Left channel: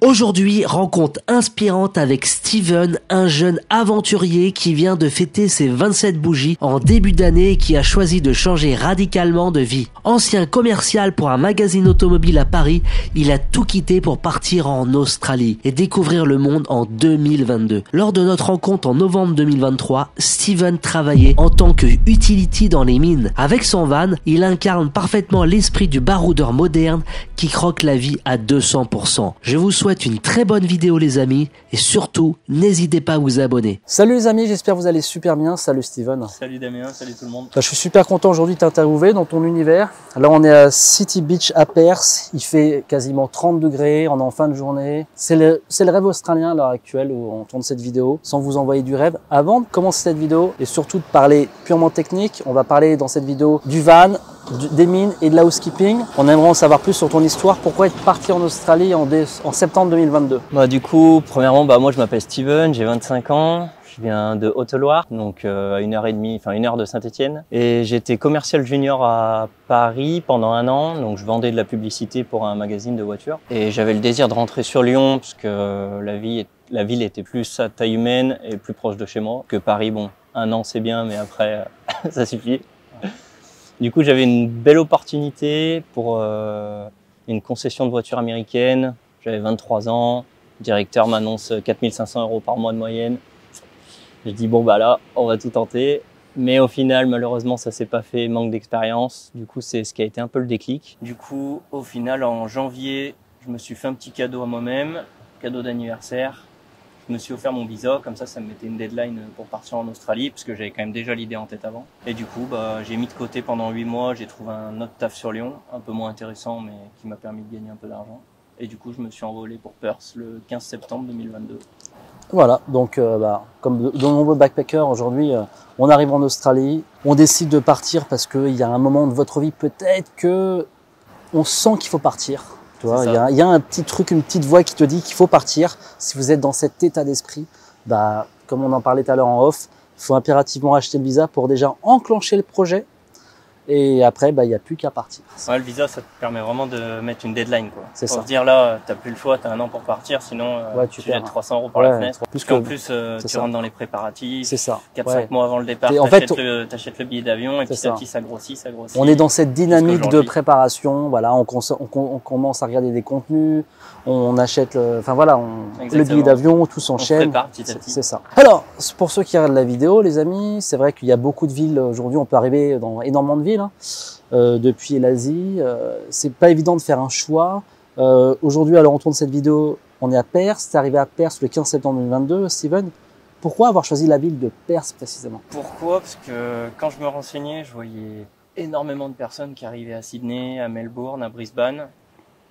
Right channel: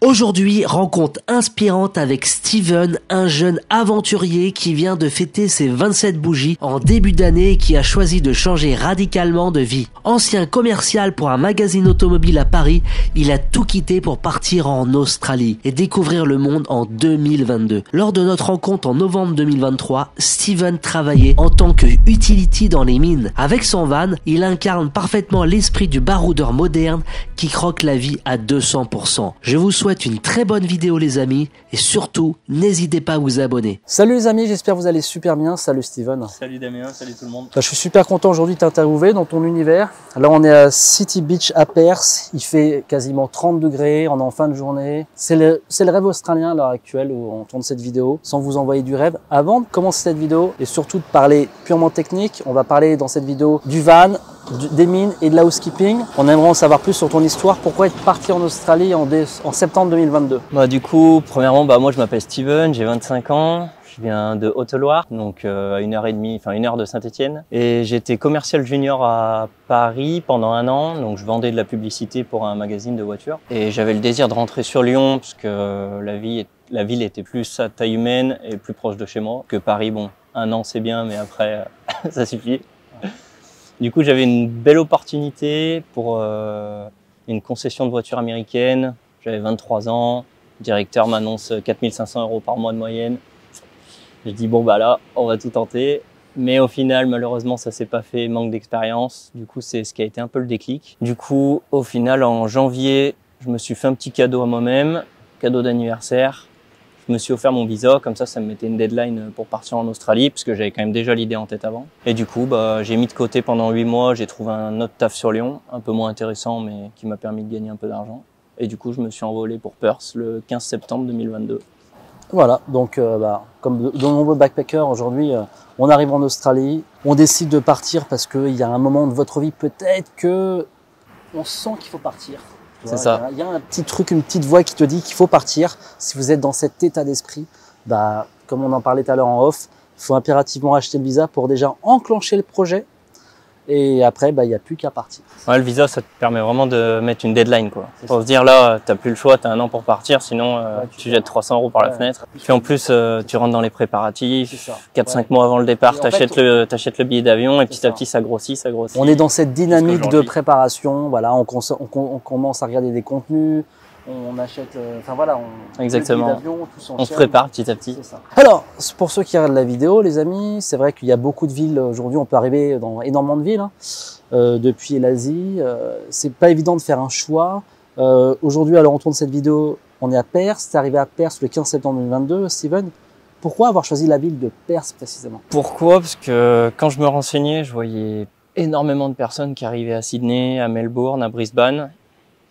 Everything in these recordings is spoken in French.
Aujourd'hui, rencontre inspirante avec Steven, un jeune aventurier qui vient de fêter ses 27 bougies en début d'année et qui a choisi de changer radicalement de vie. Ancien commercial pour un magazine automobile à Paris, il a tout quitté pour partir en Australie et découvrir le monde en 2022. Lors de notre rencontre en novembre 2023, Steven travaillait en tant que utility dans les mines. Avec son van, il incarne parfaitement l'esprit du baroudeur moderne qui croque la vie à 200%. Je vous souhaite une très bonne vidéo les amis et surtout n'hésitez pas à vous abonner. Salut les amis, j'espère que vous allez super bien. Salut Steven. Salut Damien, salut tout le monde. Je suis super content aujourd'hui de t'interviewer dans ton univers. Là on est à City Beach à Perth, il fait quasiment 30 degrés, on est en fin de journée. C'est le rêve australien à l'heure actuelle où on tourne cette vidéo, sans vous envoyer du rêve. Avant de commencer cette vidéo et surtout de parler purement technique, on va parler dans cette vidéo du van, des mines et de la housekeeping. On aimerait en savoir plus sur ton histoire. Pourquoi être parti en Australie en septembre 2022? Du coup, premièrement, moi je m'appelle Steven, j'ai 25 ans. Je viens de Haute-Loire, donc à 1 heure de Saint-Étienne. Et j'étais commercial junior à Paris pendant 1 an, donc je vendais de la publicité pour un magazine de voitures. Et j'avais le désir de rentrer sur Lyon, parce que la ville était plus à taille humaine et plus proche de chez moi que Paris. Bon, 1 an c'est bien, mais après ça suffit. Du coup, j'avais une belle opportunité pour une concession de voitures américaine. J'avais 23 ans, le directeur m'annonce 4 500 € par mois de moyenne. Je dis bon là, on va tout tenter. Mais au final, malheureusement, ça s'est pas fait, manque d'expérience. Du coup, c'est ce qui a été un peu le déclic. Du coup, au final, en janvier, je me suis fait un petit cadeau à moi-même, cadeau d'anniversaire. Je me suis offert mon visa, comme ça me mettait une deadline pour partir en Australie, parce que j'avais quand même déjà l'idée en tête avant. Et du coup, j'ai mis de côté pendant 8 mois, j'ai trouvé un autre taf sur Lyon, un peu moins intéressant, mais qui m'a permis de gagner un peu d'argent. Et du coup, je me suis envolé pour Perth le 15 septembre 2022. Voilà, donc comme de nombreux backpackers aujourd'hui, on arrive en Australie, on décide de partir parce qu'il y a un moment de votre vie peut-être que on sent qu'il faut partir. Il y a un petit truc, une petite voix qui te dit qu'il faut partir. Si vous êtes dans cet état d'esprit, comme on en parlait tout à l'heure en off, il faut impérativement acheter le visa pour déjà enclencher le projet. Et après, il n'y a plus qu'à partir. Ouais, le visa, ça te permet vraiment de mettre une deadline, quoi. C'est pour se dire là, t'as plus le choix, t'as 1 an pour partir, sinon tu jettes 300 € par la fenêtre. Puisqu'en plus, tu rentres dans les préparatifs. C'est ça. 4-5 mois avant le départ, t'achètes le billet d'avion et petit à petit, ça grossit. On est dans cette dynamique de préparation. Voilà, on commence à regarder des contenus. On achète, le billet d'avion, tout s'enchaîne. On se prépare petit à petit. C'est ça. Alors, pour ceux qui regardent la vidéo, les amis, c'est vrai qu'il y a beaucoup de villes aujourd'hui. On peut arriver dans énormément de villes depuis l'Asie. C'est pas évident de faire un choix. Aujourd'hui, alors on tourne cette vidéo, on est à Perth. C'est arrivé à Perth le 15 septembre 2022. Steven, pourquoi avoir choisi la ville de Perth précisément? Pourquoi? Parce que quand je me renseignais, je voyais énormément de personnes qui arrivaient à Sydney, à Melbourne, à Brisbane.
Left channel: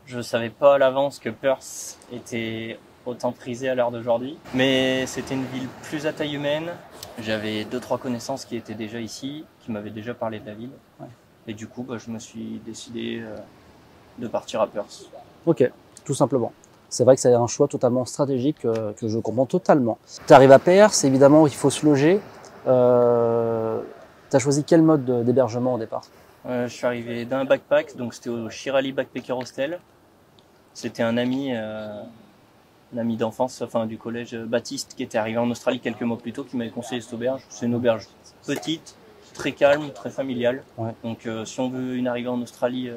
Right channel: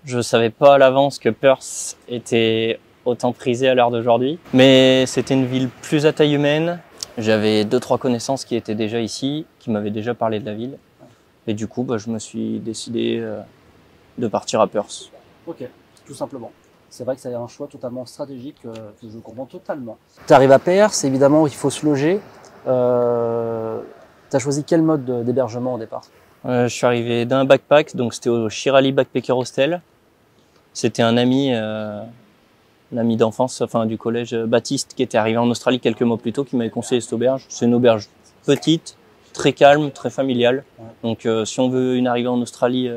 Je savais pas à l'avance que Perth était autant prisé à l'heure d'aujourd'hui, mais c'était une ville plus à taille humaine. J'avais 2-3 connaissances qui étaient déjà ici, qui m'avaient déjà parlé de la ville. Et du coup, je me suis décidé de partir à Perth. Ok, tout simplement. C'est vrai que c'est un choix totalement stratégique que je comprends totalement. Tu arrives à Perth, évidemment, il faut se loger. Tu as choisi quel mode d'hébergement au départ? Je suis arrivé d'un backpack, donc c'était au Shirali Backpacker Hostel. C'était un ami d'enfance, du collège, Baptiste, qui était arrivé en Australie quelques mois plus tôt, qui m'avait conseillé cette auberge. C'est une auberge petite, très calme, très familiale. Ouais. Donc si on veut une arrivée en Australie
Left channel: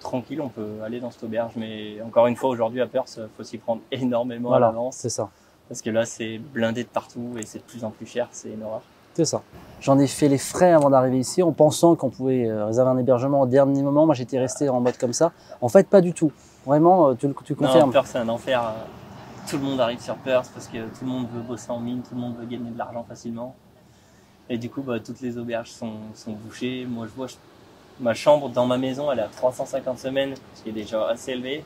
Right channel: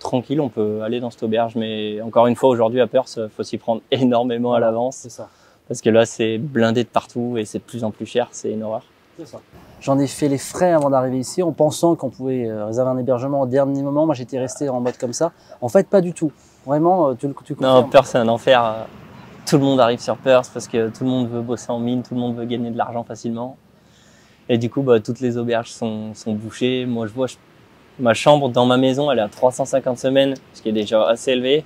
tranquille, on peut aller dans cette auberge. Mais encore une fois, aujourd'hui à Perth, faut s'y prendre énormément à l'avance. C'est ça. Parce que là, c'est blindé de partout et c'est de plus en plus cher, c'est une horreur. C'est ça. J'en ai fait les frais avant d'arriver ici, en pensant qu'on pouvait réserver un hébergement au dernier moment. Moi, j'étais resté en mode comme ça. En fait, pas du tout. Vraiment, tu confirmes? Non, Perth, c'est un enfer. Tout le monde arrive sur Perth parce que tout le monde veut bosser en mine, tout le monde veut gagner de l'argent facilement. Et du coup, toutes les auberges sont bouchées. Moi, je vois ma chambre dans ma maison, elle est à 350 semaines, ce qui est déjà assez élevé.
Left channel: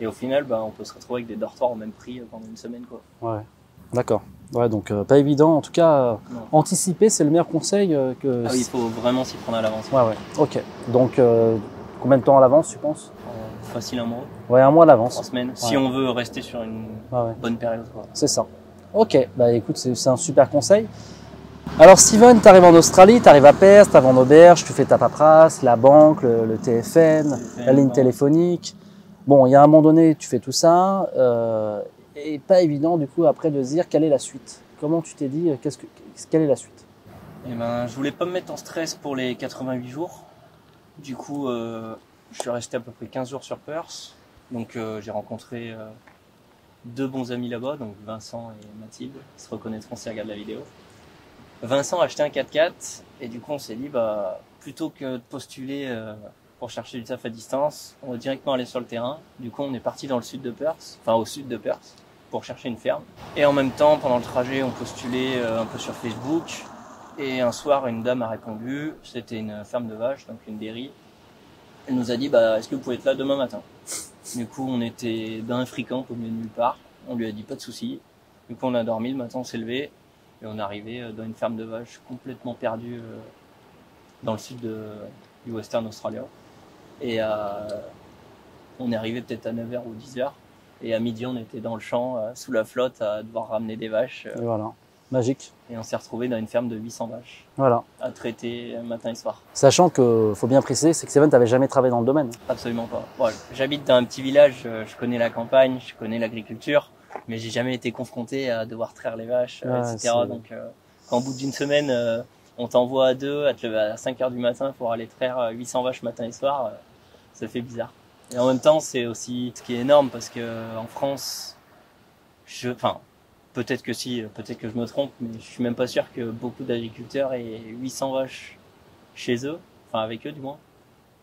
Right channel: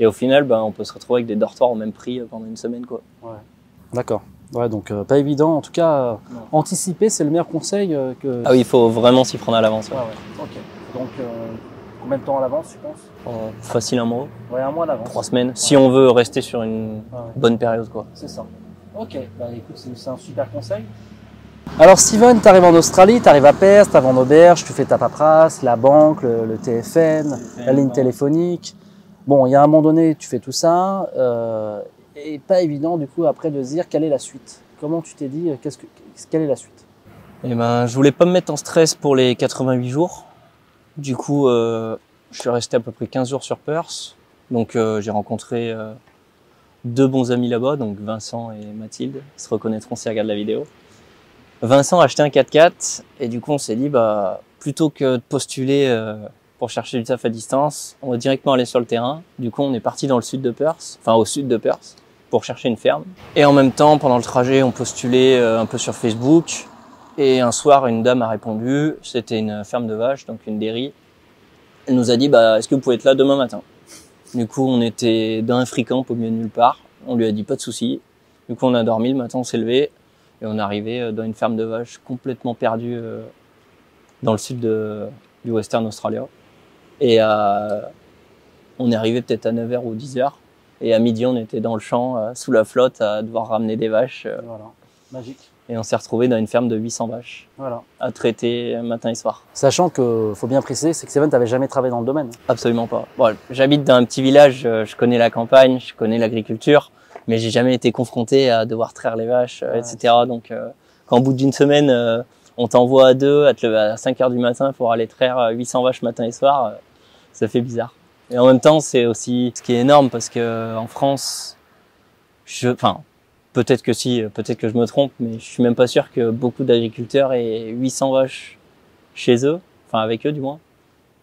Et au final, on peut se retrouver avec des dortoirs au même prix pendant une semaine, quoi. Ouais. D'accord. Ouais, donc pas évident. En tout cas, anticiper, c'est le meilleur conseil que... Ah oui, il faut vraiment s'y prendre à l'avance. Ouais. Ok. Donc, combien de temps à l'avance, tu penses? Facile 1 mois. Ouais, 1 mois à l'avance. 3 semaines. Ouais. Si on veut rester sur une bonne période, quoi. C'est ça. Ok. Écoute, c'est un super conseil. Alors, Steven, tu arrives en Australie, tu arrives à Perth, tu arrives en auberge, tu fais ta paperasse, la banque, le TFN, la ligne téléphonique. Bon, il y a un moment donné, tu fais tout ça, et pas évident du coup après de se dire quelle est la suite. Comment tu t'es dit, quelle est la suite? Et ben, je voulais pas me mettre en stress pour les 88 jours. Du coup, je suis resté à peu près 15 jours sur Perth. Donc, j'ai rencontré 2 bons amis là-bas, donc Vincent et Mathilde. Ils se reconnaîtront s'ils regardent la vidéo. Vincent a acheté un 4x4 et du coup, on s'est dit, bah, plutôt que de postuler pour chercher du taf à distance, on va directement aller sur le terrain. Du coup, on est parti dans le sud de Perth, enfin au sud de Perth, pour chercher une ferme. Et en même temps, pendant le trajet, on postulait un peu sur Facebook. Et un soir, une dame a répondu, c'était une ferme de vaches, donc une dairy. Elle nous a dit, bah, est-ce que vous pouvez être là demain matin? Du coup, on était dans un free-camp au milieu de nulle part. On lui a dit, pas de souci. Du coup, on a dormi, le matin, on s'est levé. Et on est arrivé dans une ferme de vaches complètement perdue dans le sud du Western Australia. Et on est arrivé peut-être à 9h ou 10h. Et à midi, on était dans le champ, sous la flotte, à devoir ramener des vaches. Voilà, magique. Et on s'est retrouvé dans une ferme de 800 vaches. Voilà. À traiter matin et soir. Sachant que, faut bien préciser, c'est que Steven, t'avais jamais travaillé dans le domaine. Absolument pas. Bon, j'habite dans un petit village, je connais la campagne, je connais l'agriculture, mais j'ai jamais été confronté à devoir traire les vaches, etc. Donc, quand au bout d'une semaine, on t'envoie à 2, à te lever à 5h du matin pour aller traire 800 vaches matin et soir, ça fait bizarre. Et en même temps, c'est aussi ce qui est énorme parce que en France, peut-être que si, peut-être que je me trompe, mais je suis même pas sûr que beaucoup d'agriculteurs aient 800 vaches chez eux, enfin avec eux du moins.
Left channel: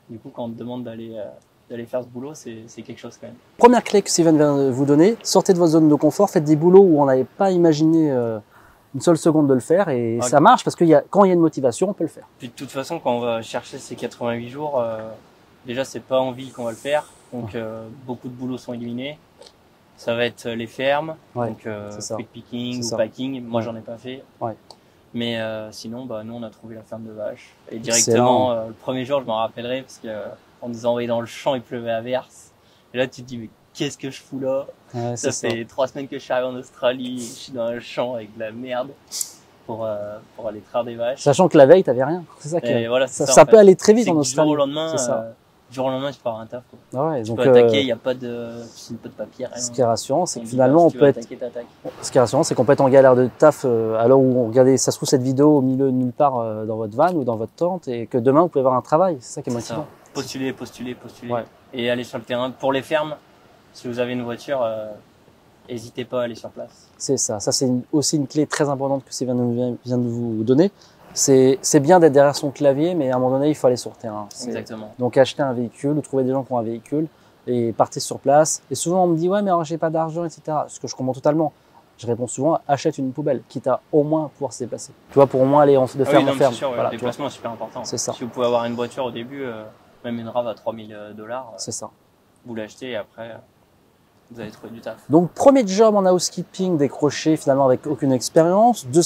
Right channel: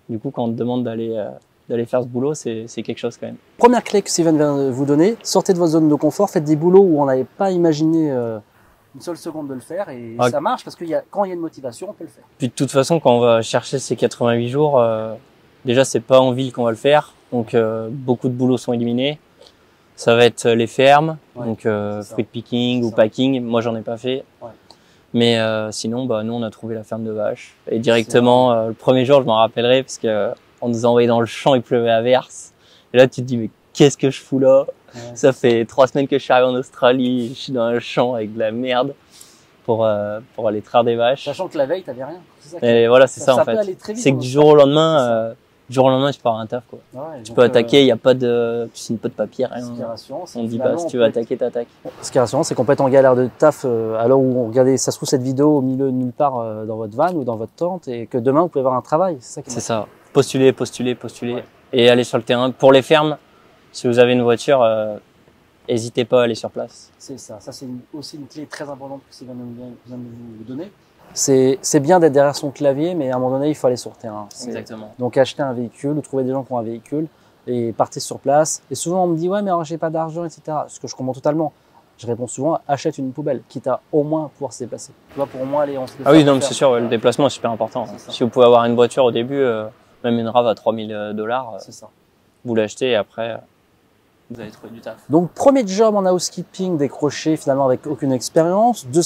Du coup, quand on te demande d'aller faire ce boulot, c'est quelque chose quand même. Première clé que Steven vient de vous donner, sortez de votre zone de confort, faites des boulots où on n'avait pas imaginé une seule seconde de le faire et ça marche parce que quand il y a une motivation, on peut le faire. Puis de toute façon, quand on va chercher ces 88 jours, déjà c'est pas en ville qu'on va le faire, donc beaucoup de boulots sont éliminés. Ça va être les fermes, donc fruit picking ou packing. Moi, j'en ai pas fait. Ouais. Mais sinon, bah, nous, on a trouvé la ferme de vaches. Et directement, le premier jour, je m'en rappellerai parce que on nous a envoyé dans le champ, il pleuvait à verse. Et là, tu te dis, mais qu'est-ce que je fous là? Ça fait 3 semaines que je suis arrivé en Australie, je suis dans un champ avec de la merde pour aller traire des vaches. Sachant que la veille, t'avais rien. C'est ça. Et voilà, c'est ça. Ça peut aller très vite. C'est que du jour au lendemain. Du jour au lendemain, tu pars à un taf, quoi. Ouais, tu peux attaquer, il n'y a pas de piscine, pas de papier, rien. Ce qui est rassurant, c'est que finalement, si tu veux attaquer, t'attaques. Ce qui est rassurant, c'est qu'on peut être en galère de taf à l'heure où on regardait, ça se trouve, cette vidéo au milieu de nulle part dans votre van ou dans votre tente et que demain, vous pouvez avoir un travail. C'est ça qui est motivant. C'est ça. Postuler. Ouais. Et aller sur le terrain. Pour les fermes, si vous avez une voiture, n'hésitez pas à aller sur place. C'est ça. Ça, c'est aussi une clé très importante que Steven vient de vous donner. C'est bien d'être derrière son clavier, mais à un moment donné, il faut aller sur le terrain. Exactement. Donc, acheter un véhicule ou trouver des gens qui ont un véhicule et partez sur place. Et souvent, on me dit, ouais, mais alors, j'ai pas d'argent, etc. Ce que je comprends totalement. Je réponds souvent, achète une poubelle, quitte à au moins pouvoir se déplacer. Tu vois, pour au moins aller en Ah oui, donc c'est sûr, le déplacement est super important. C'est ça. Si vous pouvez avoir une voiture au début, même une RAV à $3000, c'est ça. Vous l'achetez et après, vous allez trouver du taf. Donc, premier job en housekeeping décroché finalement avec aucune expérience. 2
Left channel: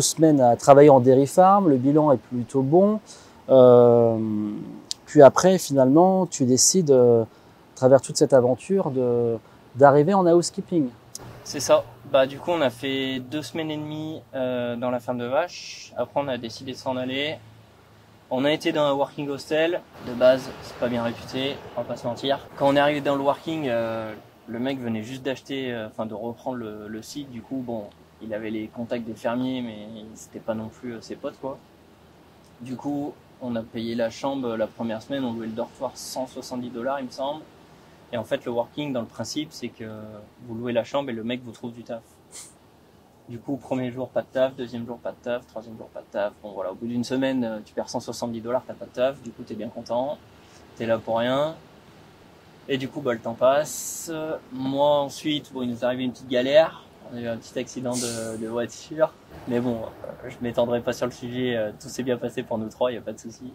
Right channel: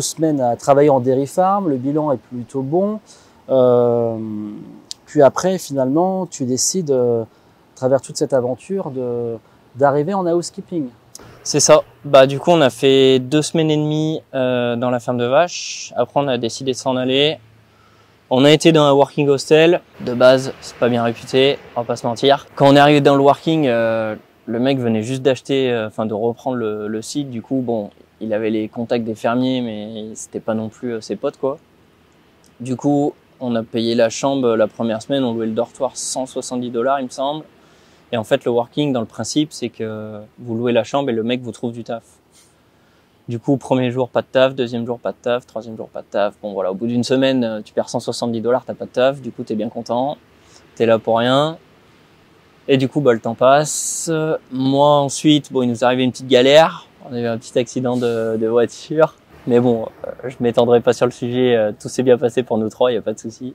semaines à travailler en dairy farm, le bilan est plutôt bon. Puis après, finalement, tu décides, à travers toute cette aventure, d'arriver en housekeeping. C'est ça. Bah, du coup, on a fait 2 semaines et demie dans la ferme de vaches. Après, on a décidé de s'en aller. On a été dans un working hostel. De base, c'est pas bien réputé, on va pas se mentir. Quand on est arrivé dans le working, le mec venait juste d'acheter, de reprendre le site. Du coup, bon, il avait les contacts des fermiers, mais c'était pas non plus ses potes, quoi. Du coup, on a payé la chambre la première semaine, on louait le dortoir $170, il me semble. Et en fait, le working, dans le principe, c'est que vous louez la chambre et le mec vous trouve du taf. Du coup, premier jour, pas de taf, deuxième jour, pas de taf, troisième jour, pas de taf. Bon, voilà, au bout d'une semaine, tu perds $170, t'as pas de taf, du coup, t'es bien content, t'es là pour rien. Et du coup, bah, le temps passe. Moi, ensuite, bon, il nous est arrivé une petite galère. On a eu un petit accident de voiture. Mais bon, je m'étendrai pas sur le sujet. Tout s'est bien passé pour nous 3, il n'y a pas de souci.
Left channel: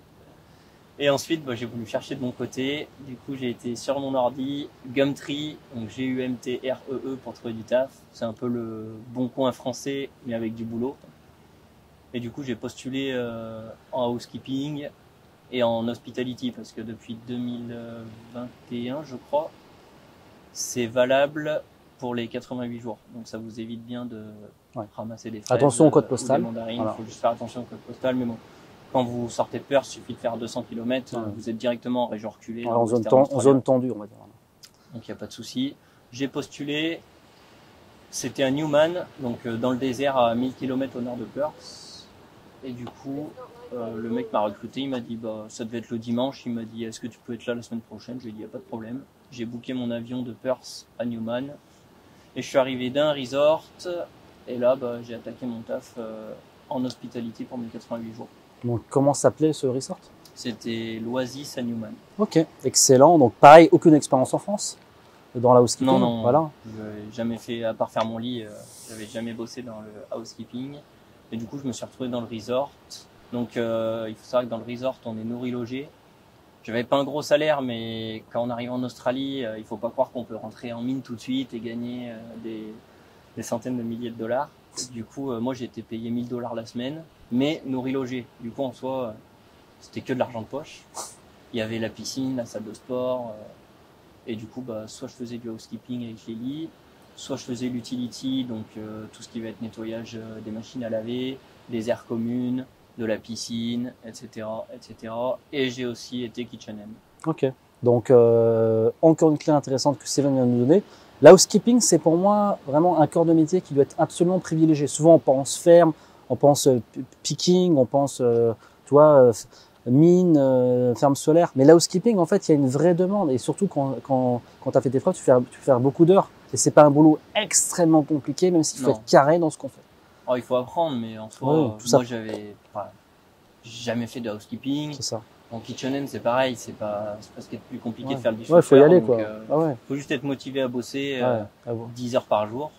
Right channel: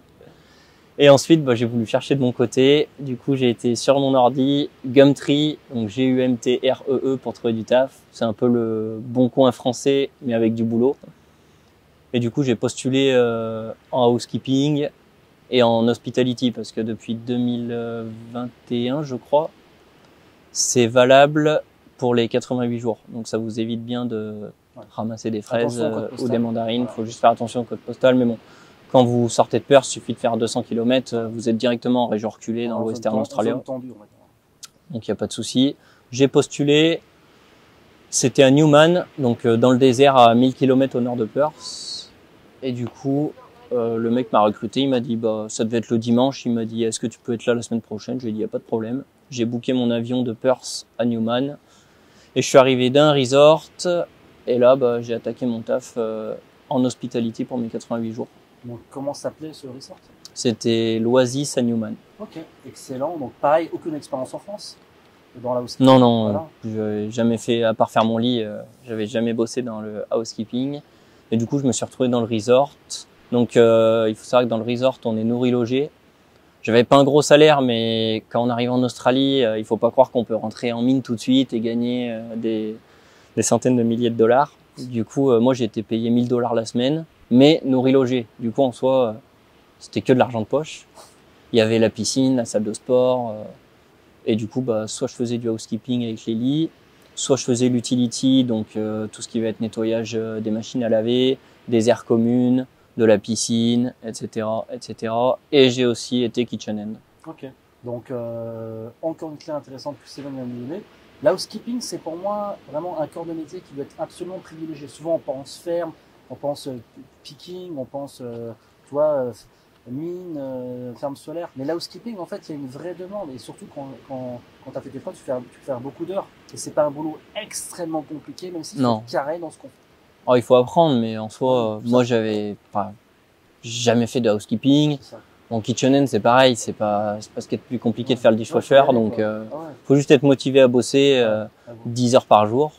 Et ensuite, bah, j'ai voulu chercher de mon côté. Du coup, j'ai été sur mon ordi, Gumtree, donc Gumtree pour trouver du taf. C'est un peu le bon coin français, mais avec du boulot. Et du coup, j'ai postulé en housekeeping et en hospitality parce que depuis 2021, je crois, c'est valable pour les 88 jours. Donc, ça vous évite bien de ramasser des fraises attention au code postal. Ou des mandarines. Voilà. Il faut juste faire attention au code postal. Mais bon, quand vous sortez de Perth, il suffit de faire 200 km, vous êtes directement en région reculée dans le Western Australia. En zone tendue, on va dire. donc il n'y a pas de souci. J'ai postulé, c'était à Newman, donc dans le désert à 1000 km au nord de Perth. Et du coup, le mec m'a recruté, il m'a dit, bah, ça devait être le dimanche, il m'a dit, est-ce que tu peux être là la semaine prochaine? Je lui ai dit, il n'y a pas de problème. J'ai booké mon avion de Perth à Newman, et je suis arrivé d'un resort, et là, bah, j'ai attaqué mon taf en hospitalité pour mes 88 jours. Donc, comment s'appelait ce resort? C'était l'Oasis à Newman. Ok, excellent. Donc pareil, aucune expérience en France dans la housekeeping? Non, non, Voilà. j'ai jamais fait, à part faire mon lit, j'avais jamais bossé dans le housekeeping. Et du coup, je me suis retrouvé dans le resort. Donc, il faut savoir que dans le resort, on est nourri logé. J'avais pas un gros salaire, mais quand on arrive en Australie, il faut pas croire qu'on peut rentrer en mine tout de suite et gagner des centaines de milliers de dollars. Du coup, moi, j'ai été payé 1000 $ la semaine, mais nourri logé. Du coup, en soi, c'était que de l'argent de poche. Il y avait la piscine, la salle de sport. Et du coup, bah, soit je faisais du housekeeping avec les lits, soit je faisais l'utility, donc tout ce qui va être nettoyage des machines à laver, des aires communes, de la piscine, etc., etc. Et j'ai aussi été kitchen hand. Ok. Donc, encore une clé intéressante que Steven vient de nous donner. La housekeeping, c'est pour moi vraiment un corps de métier qui doit être absolument privilégié. Souvent, on pense ferme, on pense picking, on pense, mine, ferme solaire. Mais la housekeeping, en fait, il y a une vraie demande. Et surtout, quand tu as fait tes preuves, tu fais faire beaucoup d'heures. Et c'est pas un boulot extrêmement compliqué, même s'il faut être carré dans ce qu'on fait. Oh, il faut apprendre, mais en soi, moi, j'avais jamais fait de housekeeping. C'est ça. En kitchen, c'est pareil, c'est pas ce qui est le plus compliqué de faire le dishwasher, donc faut juste être motivé à bosser 10 heures par jour.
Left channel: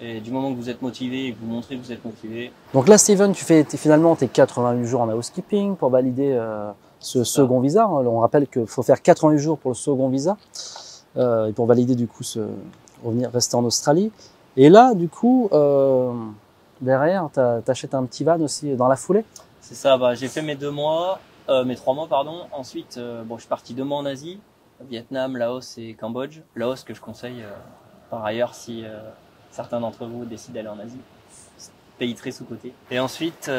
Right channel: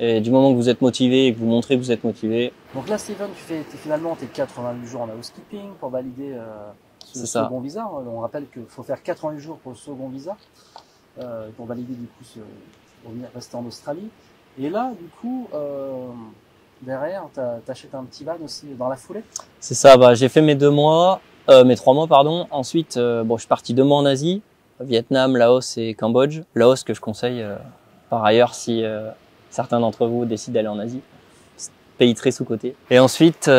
Et du moment que vous êtes motivé et que vous montrez que vous êtes motivé. Donc là, Steven, tu fais finalement tes 88 jours en housekeeping pour valider ce second visa. On rappelle qu'il faut faire 88 jours pour le second visa et pour valider du coup rester en Australie. Et là, du coup, derrière, t'achètes un petit van aussi dans la foulée. C'est ça. Bah, j'ai fait mes 3 mois, pardon. Ensuite, je suis parti 2 mois en Asie, Vietnam, Laos et Cambodge. Laos que je conseille par ailleurs si certains d'entre vous décident d'aller en Asie. Pays très sous-coté. Et ensuite,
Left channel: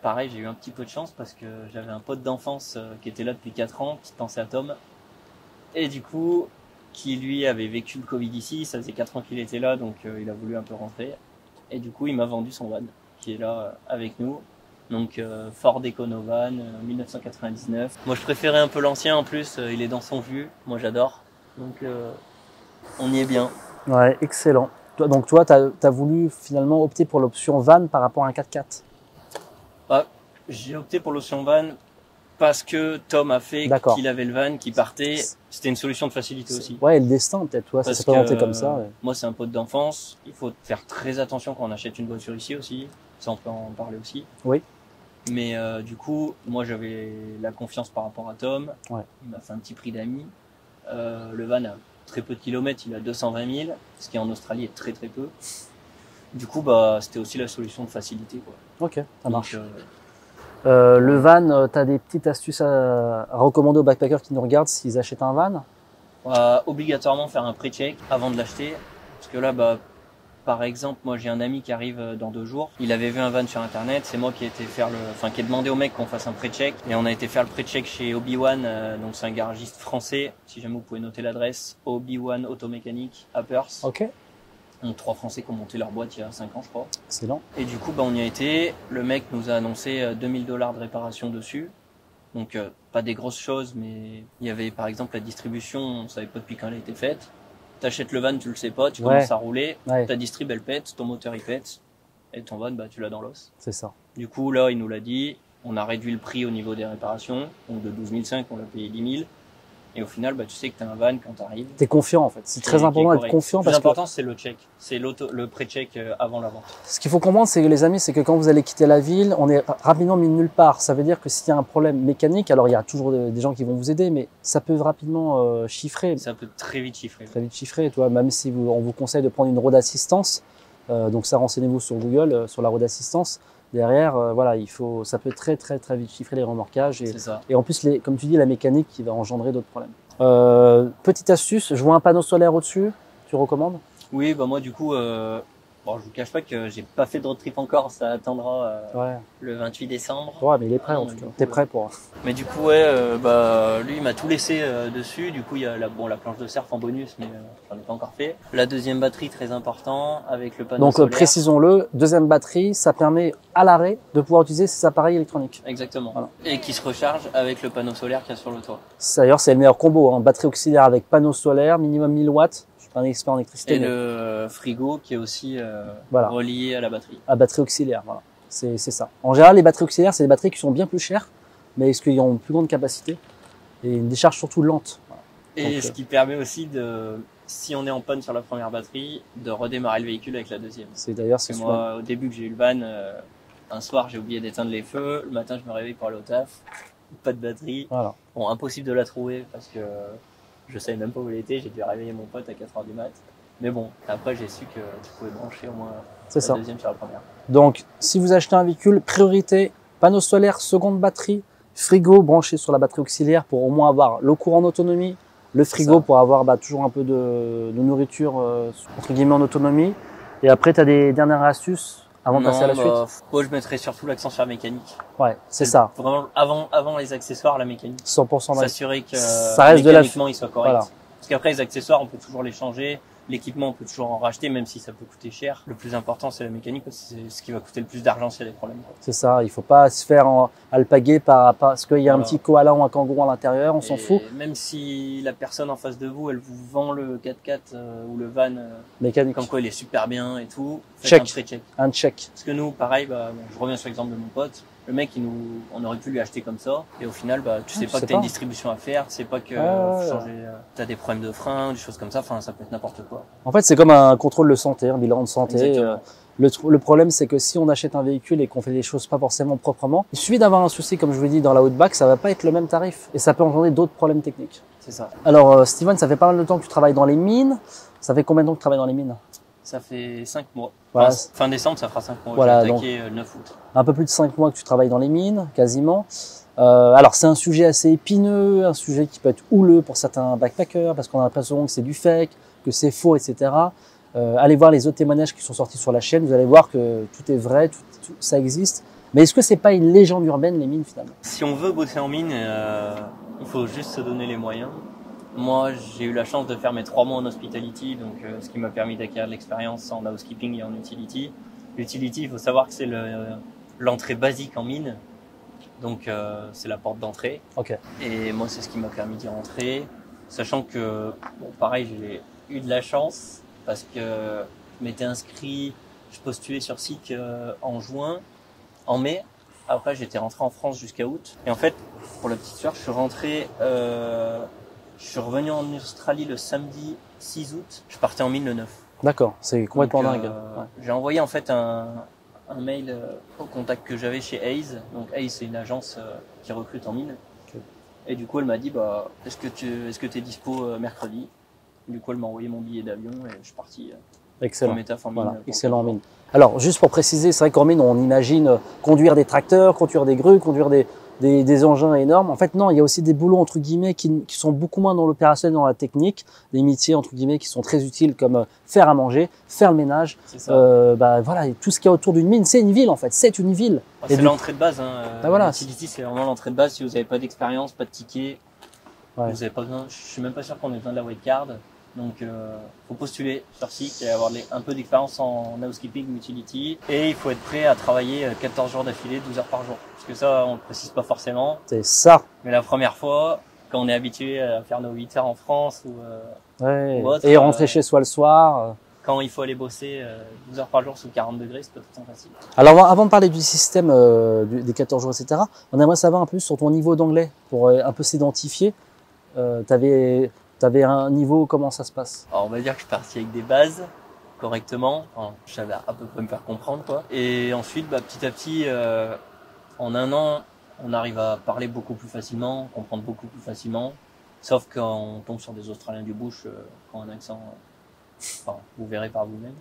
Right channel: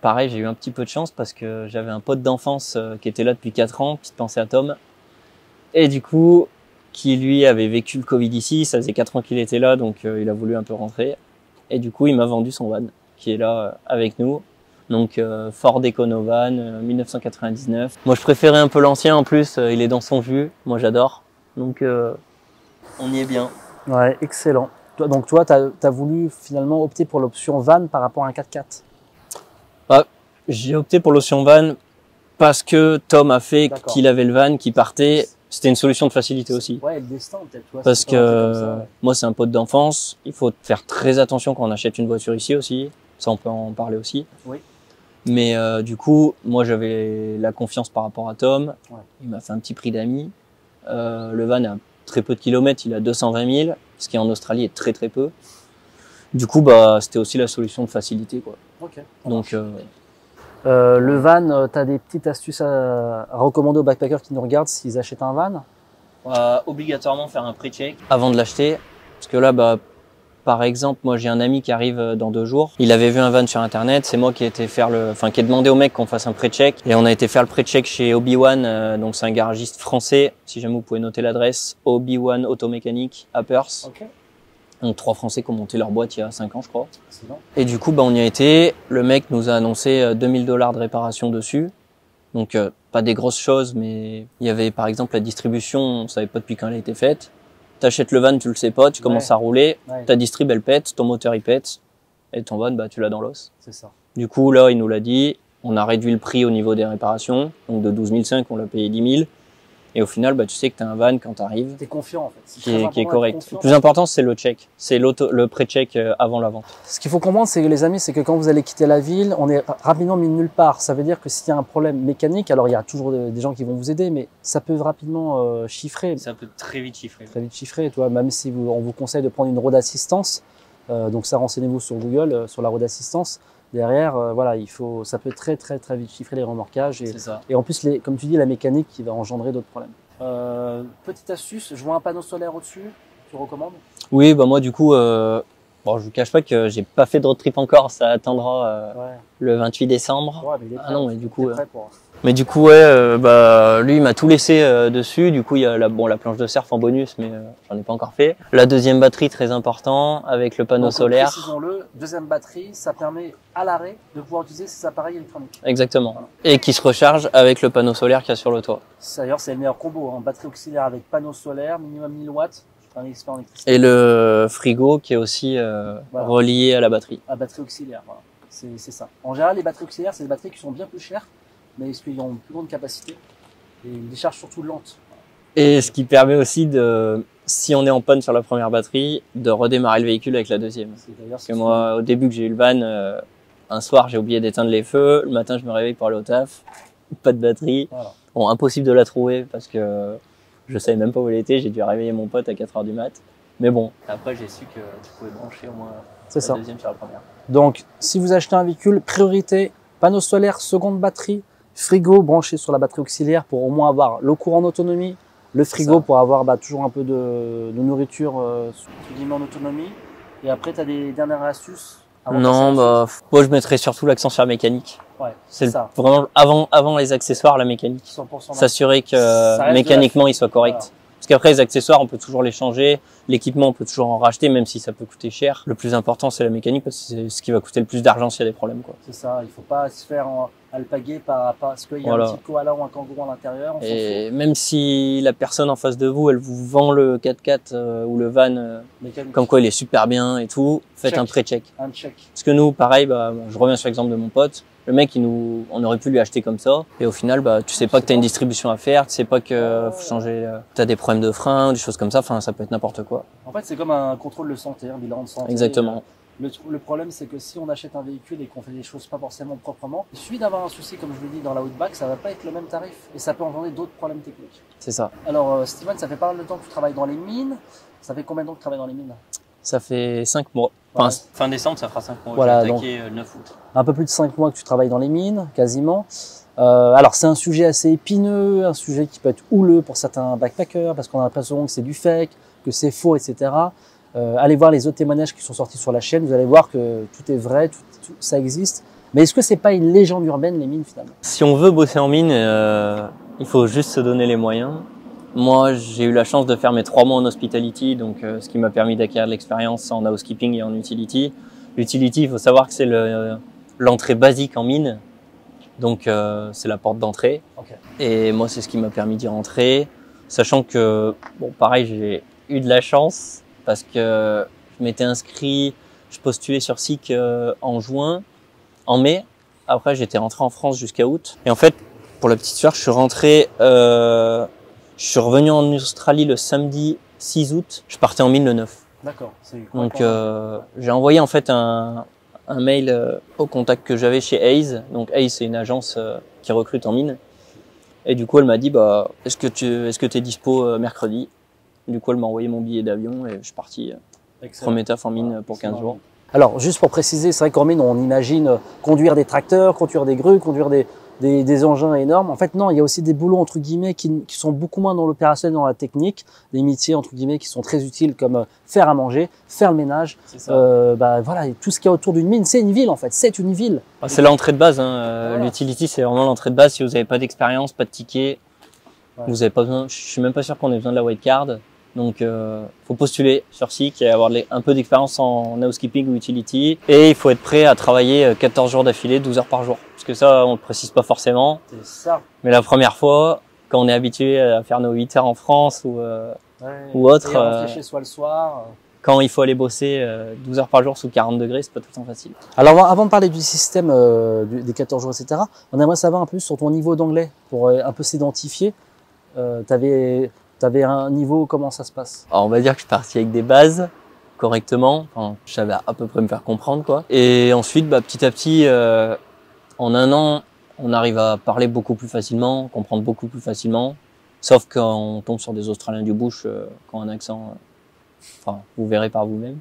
pareil, j'ai eu un petit peu de chance parce que j'avais un pote d'enfance qui était là depuis 4 ans, petite pensée à Tom. Et du coup, qui lui avait vécu le Covid ici, ça faisait 4 ans qu'il était là, donc il a voulu un peu rentrer. Et du coup, il m'a vendu son van, qui est là avec nous. Donc Ford Econovan 1999. Moi je préférais un peu l'ancien en plus, il est dans son jus, moi j'adore. Donc on y est bien. Ouais, excellent. Donc toi, t'as voulu finalement opter pour l'option van par rapport à un 4x4. J'ai opté pour l'option van parce que Tom a fait qu'il avait le van qui partait. C'était une solution de facilité aussi. Ouais, et le destin peut-être. Ouais, parce que comme ça, moi c'est un pote d'enfance. Il faut faire très attention quand on achète une voiture ici aussi. Ça on peut en parler aussi. Oui. Mais du coup, moi j'avais la confiance par rapport à Tom. Ouais. Il m'a fait un petit prix d'amis. Le van a très peu de kilomètres, il a 220 000, ce qui en Australie est très très peu. Du coup, c'était aussi la solution de facilité, quoi. Ok. Donc, le van, tu as des petites astuces à recommander aux backpackers qui nous regardent s'ils achètent un van? Obligatoirement faire un pré-check avant de l'acheter, parce que là, par exemple, moi j'ai un ami qui arrive dans 2 jours. Il avait vu un van sur internet. C'est moi qui ai été qui ai demandé au mec qu'on fasse un pré-check. Et on a été faire le pré-check chez Obi-Wan. Donc c'est un garagiste français. Si jamais vous pouvez noter l'adresse, Obi-Wan Automécanique à Perth. Ok. Donc 3 Français qui ont monté leur boîte il y a 5 ans, je crois. Excellent. Et du coup, on y a été. Le mec nous a annoncé 2000 $ de réparation dessus. Donc pas des grosses choses, mais il y avait par exemple la distribution. On savait pas depuis quand elle a été faite. T'achètes le van, tu le sais pas, tu commences à rouler, ta distrib elle pète, ton moteur il pète, et ton van tu l'as dans l'os. C'est ça. Du coup là il nous l'a dit, on a réduit le prix au niveau des réparations, donc de 12 500 on l'a payé 10 000, et au final tu sais que t'as un van quand t'arrives. T'es confiant en fait, c'est très important d'être confiant. Le plus important c'est le check, c'est le pré-check avant la vente. Ce qu'il faut comprendre c'est que les amis, c'est que quand vous allez quitter la ville, on est rapidement mis nulle part. Ça veut dire que s'il y a un problème mécanique, alors il y a toujours des gens qui vont vous aider, mais ça peut rapidement chiffrer. Ça peut très vite chiffrer. Très vite chiffrer, toi, même si on vous conseille de prendre une road assistance, donc ça renseignez-vous sur Google, sur la road assistance. Derrière, ça peut très vite chiffrer les remorquages et en plus, comme tu dis, la mécanique qui va engendrer d'autres problèmes. Petite astuce, je vois un panneau solaire au-dessus, tu recommandes? Oui, moi du coup, Bon, je vous cache pas que j'ai pas fait de road trip encore, ça attendra Ouais. le 28 décembre. Ouais, mais il est prêt. Ah non, donc mais du coup, t'es ouais. prêt pour. Mais du coup, ouais, bah lui, il m'a tout laissé dessus. Du coup, il y a la planche de surf en bonus, mais j'en ai pas encore fait. La deuxième batterie, très important, avec le panneau Donc solaire. précisons-le, deuxième batterie, ça permet à l'arrêt de pouvoir utiliser ces appareils électroniques. Exactement. Voilà. Et qui se recharge avec le panneau solaire qu'il y a sur le toit. D'ailleurs, c'est le meilleur combo, hein. Batterie auxiliaire avec panneau solaire, minimum 1000 watts. Je suis pas un expert en électricité. Et le frigo qui est aussi Voilà. relié à la batterie. À batterie auxiliaire, voilà. C'est ça. En général, les batteries auxiliaires, c'est des batteries qui sont bien plus chères, mais est-ce qu'ils ont une plus grande capacité et une décharge surtout lente. Voilà. Et Donc, ce qui permet aussi de, si on est en panne sur la première batterie, de redémarrer le véhicule avec la deuxième. c'est d'ailleurs Parce que moi, au début que j'ai eu le van, un soir, j'ai oublié d'éteindre les feux. Le matin, je me réveille pour aller au taf. Pas de batterie. Voilà. Bon, impossible de la trouver parce que je savais même pas où elle était. J'ai dû réveiller mon pote à 4h du mat. Mais bon, après, j'ai su que tu pouvais brancher au moins C'est la ça. deuxième sur la première. Donc, si vous achetez un véhicule, priorité, panneau solaire, seconde batterie, frigo branché sur la batterie auxiliaire pour au moins avoir l'eau courante en autonomie, le frigo Ça. pour avoir toujours un peu de nourriture entre guillemets en autonomie. Et après, tu as des dernières astuces avant de passer à Non, la bah, moi, je mettrais surtout l'accent sur la mécanique. suite. Ouais, c'est ça. Vraiment, avant les accessoires, la mécanique. 100% S'assurer que Ça reste de la- mécaniquement, il soit correct. Voilà. Parce qu'après, les accessoires, on peut toujours les changer. L'équipement, on peut toujours en racheter, même si ça peut coûter cher. Le plus important, c'est la mécanique, parce que c'est ce qui va coûter le plus d'argent s'il y a des problèmes, quoi. C'est ça. Il faut pas se faire alpaguer parce qu'il y a Voilà. un petit koala ou un kangourou à l'intérieur, on s'en fout. Et même si la personne en face de vous, elle vous vend le 4x4 ou le van, Mécanique. comme quoi il est super bien et tout, faites Check. un pré-check. Un check. Parce que nous, pareil, bah, bon, je reviens sur l'exemple de mon pote. Le mec, on aurait pu lui acheter comme ça. Et au final, bah, tu sais pas que t'as une distribution à faire, tu sais pas que faut changer, t'as des problèmes de frein, des choses comme ça. Enfin, ça peut être n'importe quoi. En fait, c'est comme un contrôle de santé, un bilan de santé. Exactement. Le problème, c'est que si on achète un véhicule et qu'on fait les choses pas forcément proprement, il suffit d'avoir un souci, comme je vous l'ai dit, dans la Outback, ça va pas être le même tarif. Et ça peut engendrer d'autres problèmes techniques. C'est ça. Alors, Steven, ça fait pas mal de temps que tu travailles dans les mines. Ça fait combien de temps que tu travailles dans les mines? Ça fait 5 mois. Voilà. Enfin, fin décembre, ça fera 5 mois. Voilà, J'ai attaqué le 9 août. Un peu plus de 5 mois que tu travailles dans les mines, quasiment. Alors, c'est un sujet assez épineux, un sujet qui peut être houleux pour certains backpackers, parce qu'on a l'impression que c'est du fake, que c'est faux, etc. Allez voir les autres témoignages qui sont sortis sur la chaîne, vous allez voir que tout est vrai, tout ça existe. Mais est-ce que c'est pas une légende urbaine, les mines, finalement? Si on veut bosser en mine, il faut juste se donner les moyens. Moi, j'ai eu la chance de faire mes 3 mois en hospitality, donc ce qui m'a permis d'acquérir de l'expérience en housekeeping et en utility. L'utility, il faut savoir que c'est l'entrée basique en mine, donc c'est la porte d'entrée. Ok. Et moi, c'est ce qui m'a permis d'y rentrer, sachant que, bon, pareil, j'ai eu de la chance parce que je m'étais inscrit, je postulais sur SIC en mai. Après, j'étais rentré en France jusqu'à août. Et en fait, pour la petite histoire, je suis revenu en Australie le samedi 6 août. Je partais en mine le 9. D'accord, c'est Donc, complètement dingue. j'ai envoyé en fait un mail au contact que j'avais chez Hayes. Donc Hayes, c'est une agence qui recrute en mine. Et du coup, elle m'a dit, bah, est-ce que t'es dispo mercredi? Du coup, elle m'a envoyé mon billet d'avion et je suis parti Excellent. premier taf en mine Voilà, pour 15 excellent, jours. mine. Alors, juste pour préciser, c'est vrai qu'en mine, on imagine conduire des tracteurs, conduire des grues, conduire des engins énormes. En fait, non, il y a aussi des boulots, entre guillemets, qui sont beaucoup moins dans l'opérationnel, dans la technique, des métiers, entre guillemets, qui sont très utiles, comme faire à manger, faire le ménage. C'est ça. Voilà, et tout ce qu'il y a autour d'une mine, c'est une ville, en fait, c'est une ville. Ah, Et c'est donc- l'entrée de base. voilà. L'utility, c'est vraiment l'entrée de base. Si vous n'avez pas d'expérience, pas de ticket, Ouais. vous avez pas besoin. Je suis même pas sûr qu'on ait besoin de la white card. Donc, faut postuler sur SIC et avoir un peu d'expérience en housekeeping ou utility. Et il faut être prêt à travailler 14 jours d'affilée, 12 heures par jour. Parce que ça, on le précise pas forcément. C'est ça. Mais la première fois, quand on est habitué à faire nos 8 heures en France Ouais. Ou autre, Et rentrer chez soi le soir. quand il faut aller bosser 12 heures par jour sous 40 degrés, c'est pas tout le temps facile. Alors, avant de parler du système des 14 jours, etc., on aimerait savoir un peu sur ton niveau d'anglais pour un peu s'identifier. T'avais un niveau, comment ça se passe? Alors, on va dire que je suis parti avec des bases correctement. Enfin, je savais à peu près me faire comprendre, quoi. Et ensuite, bah, petit à petit, en un an, on arrive à parler beaucoup plus facilement, comprendre beaucoup plus facilement. Sauf quand on tombe sur des Australiens du bush, qui ont un accent, enfin, vous verrez par vous-même.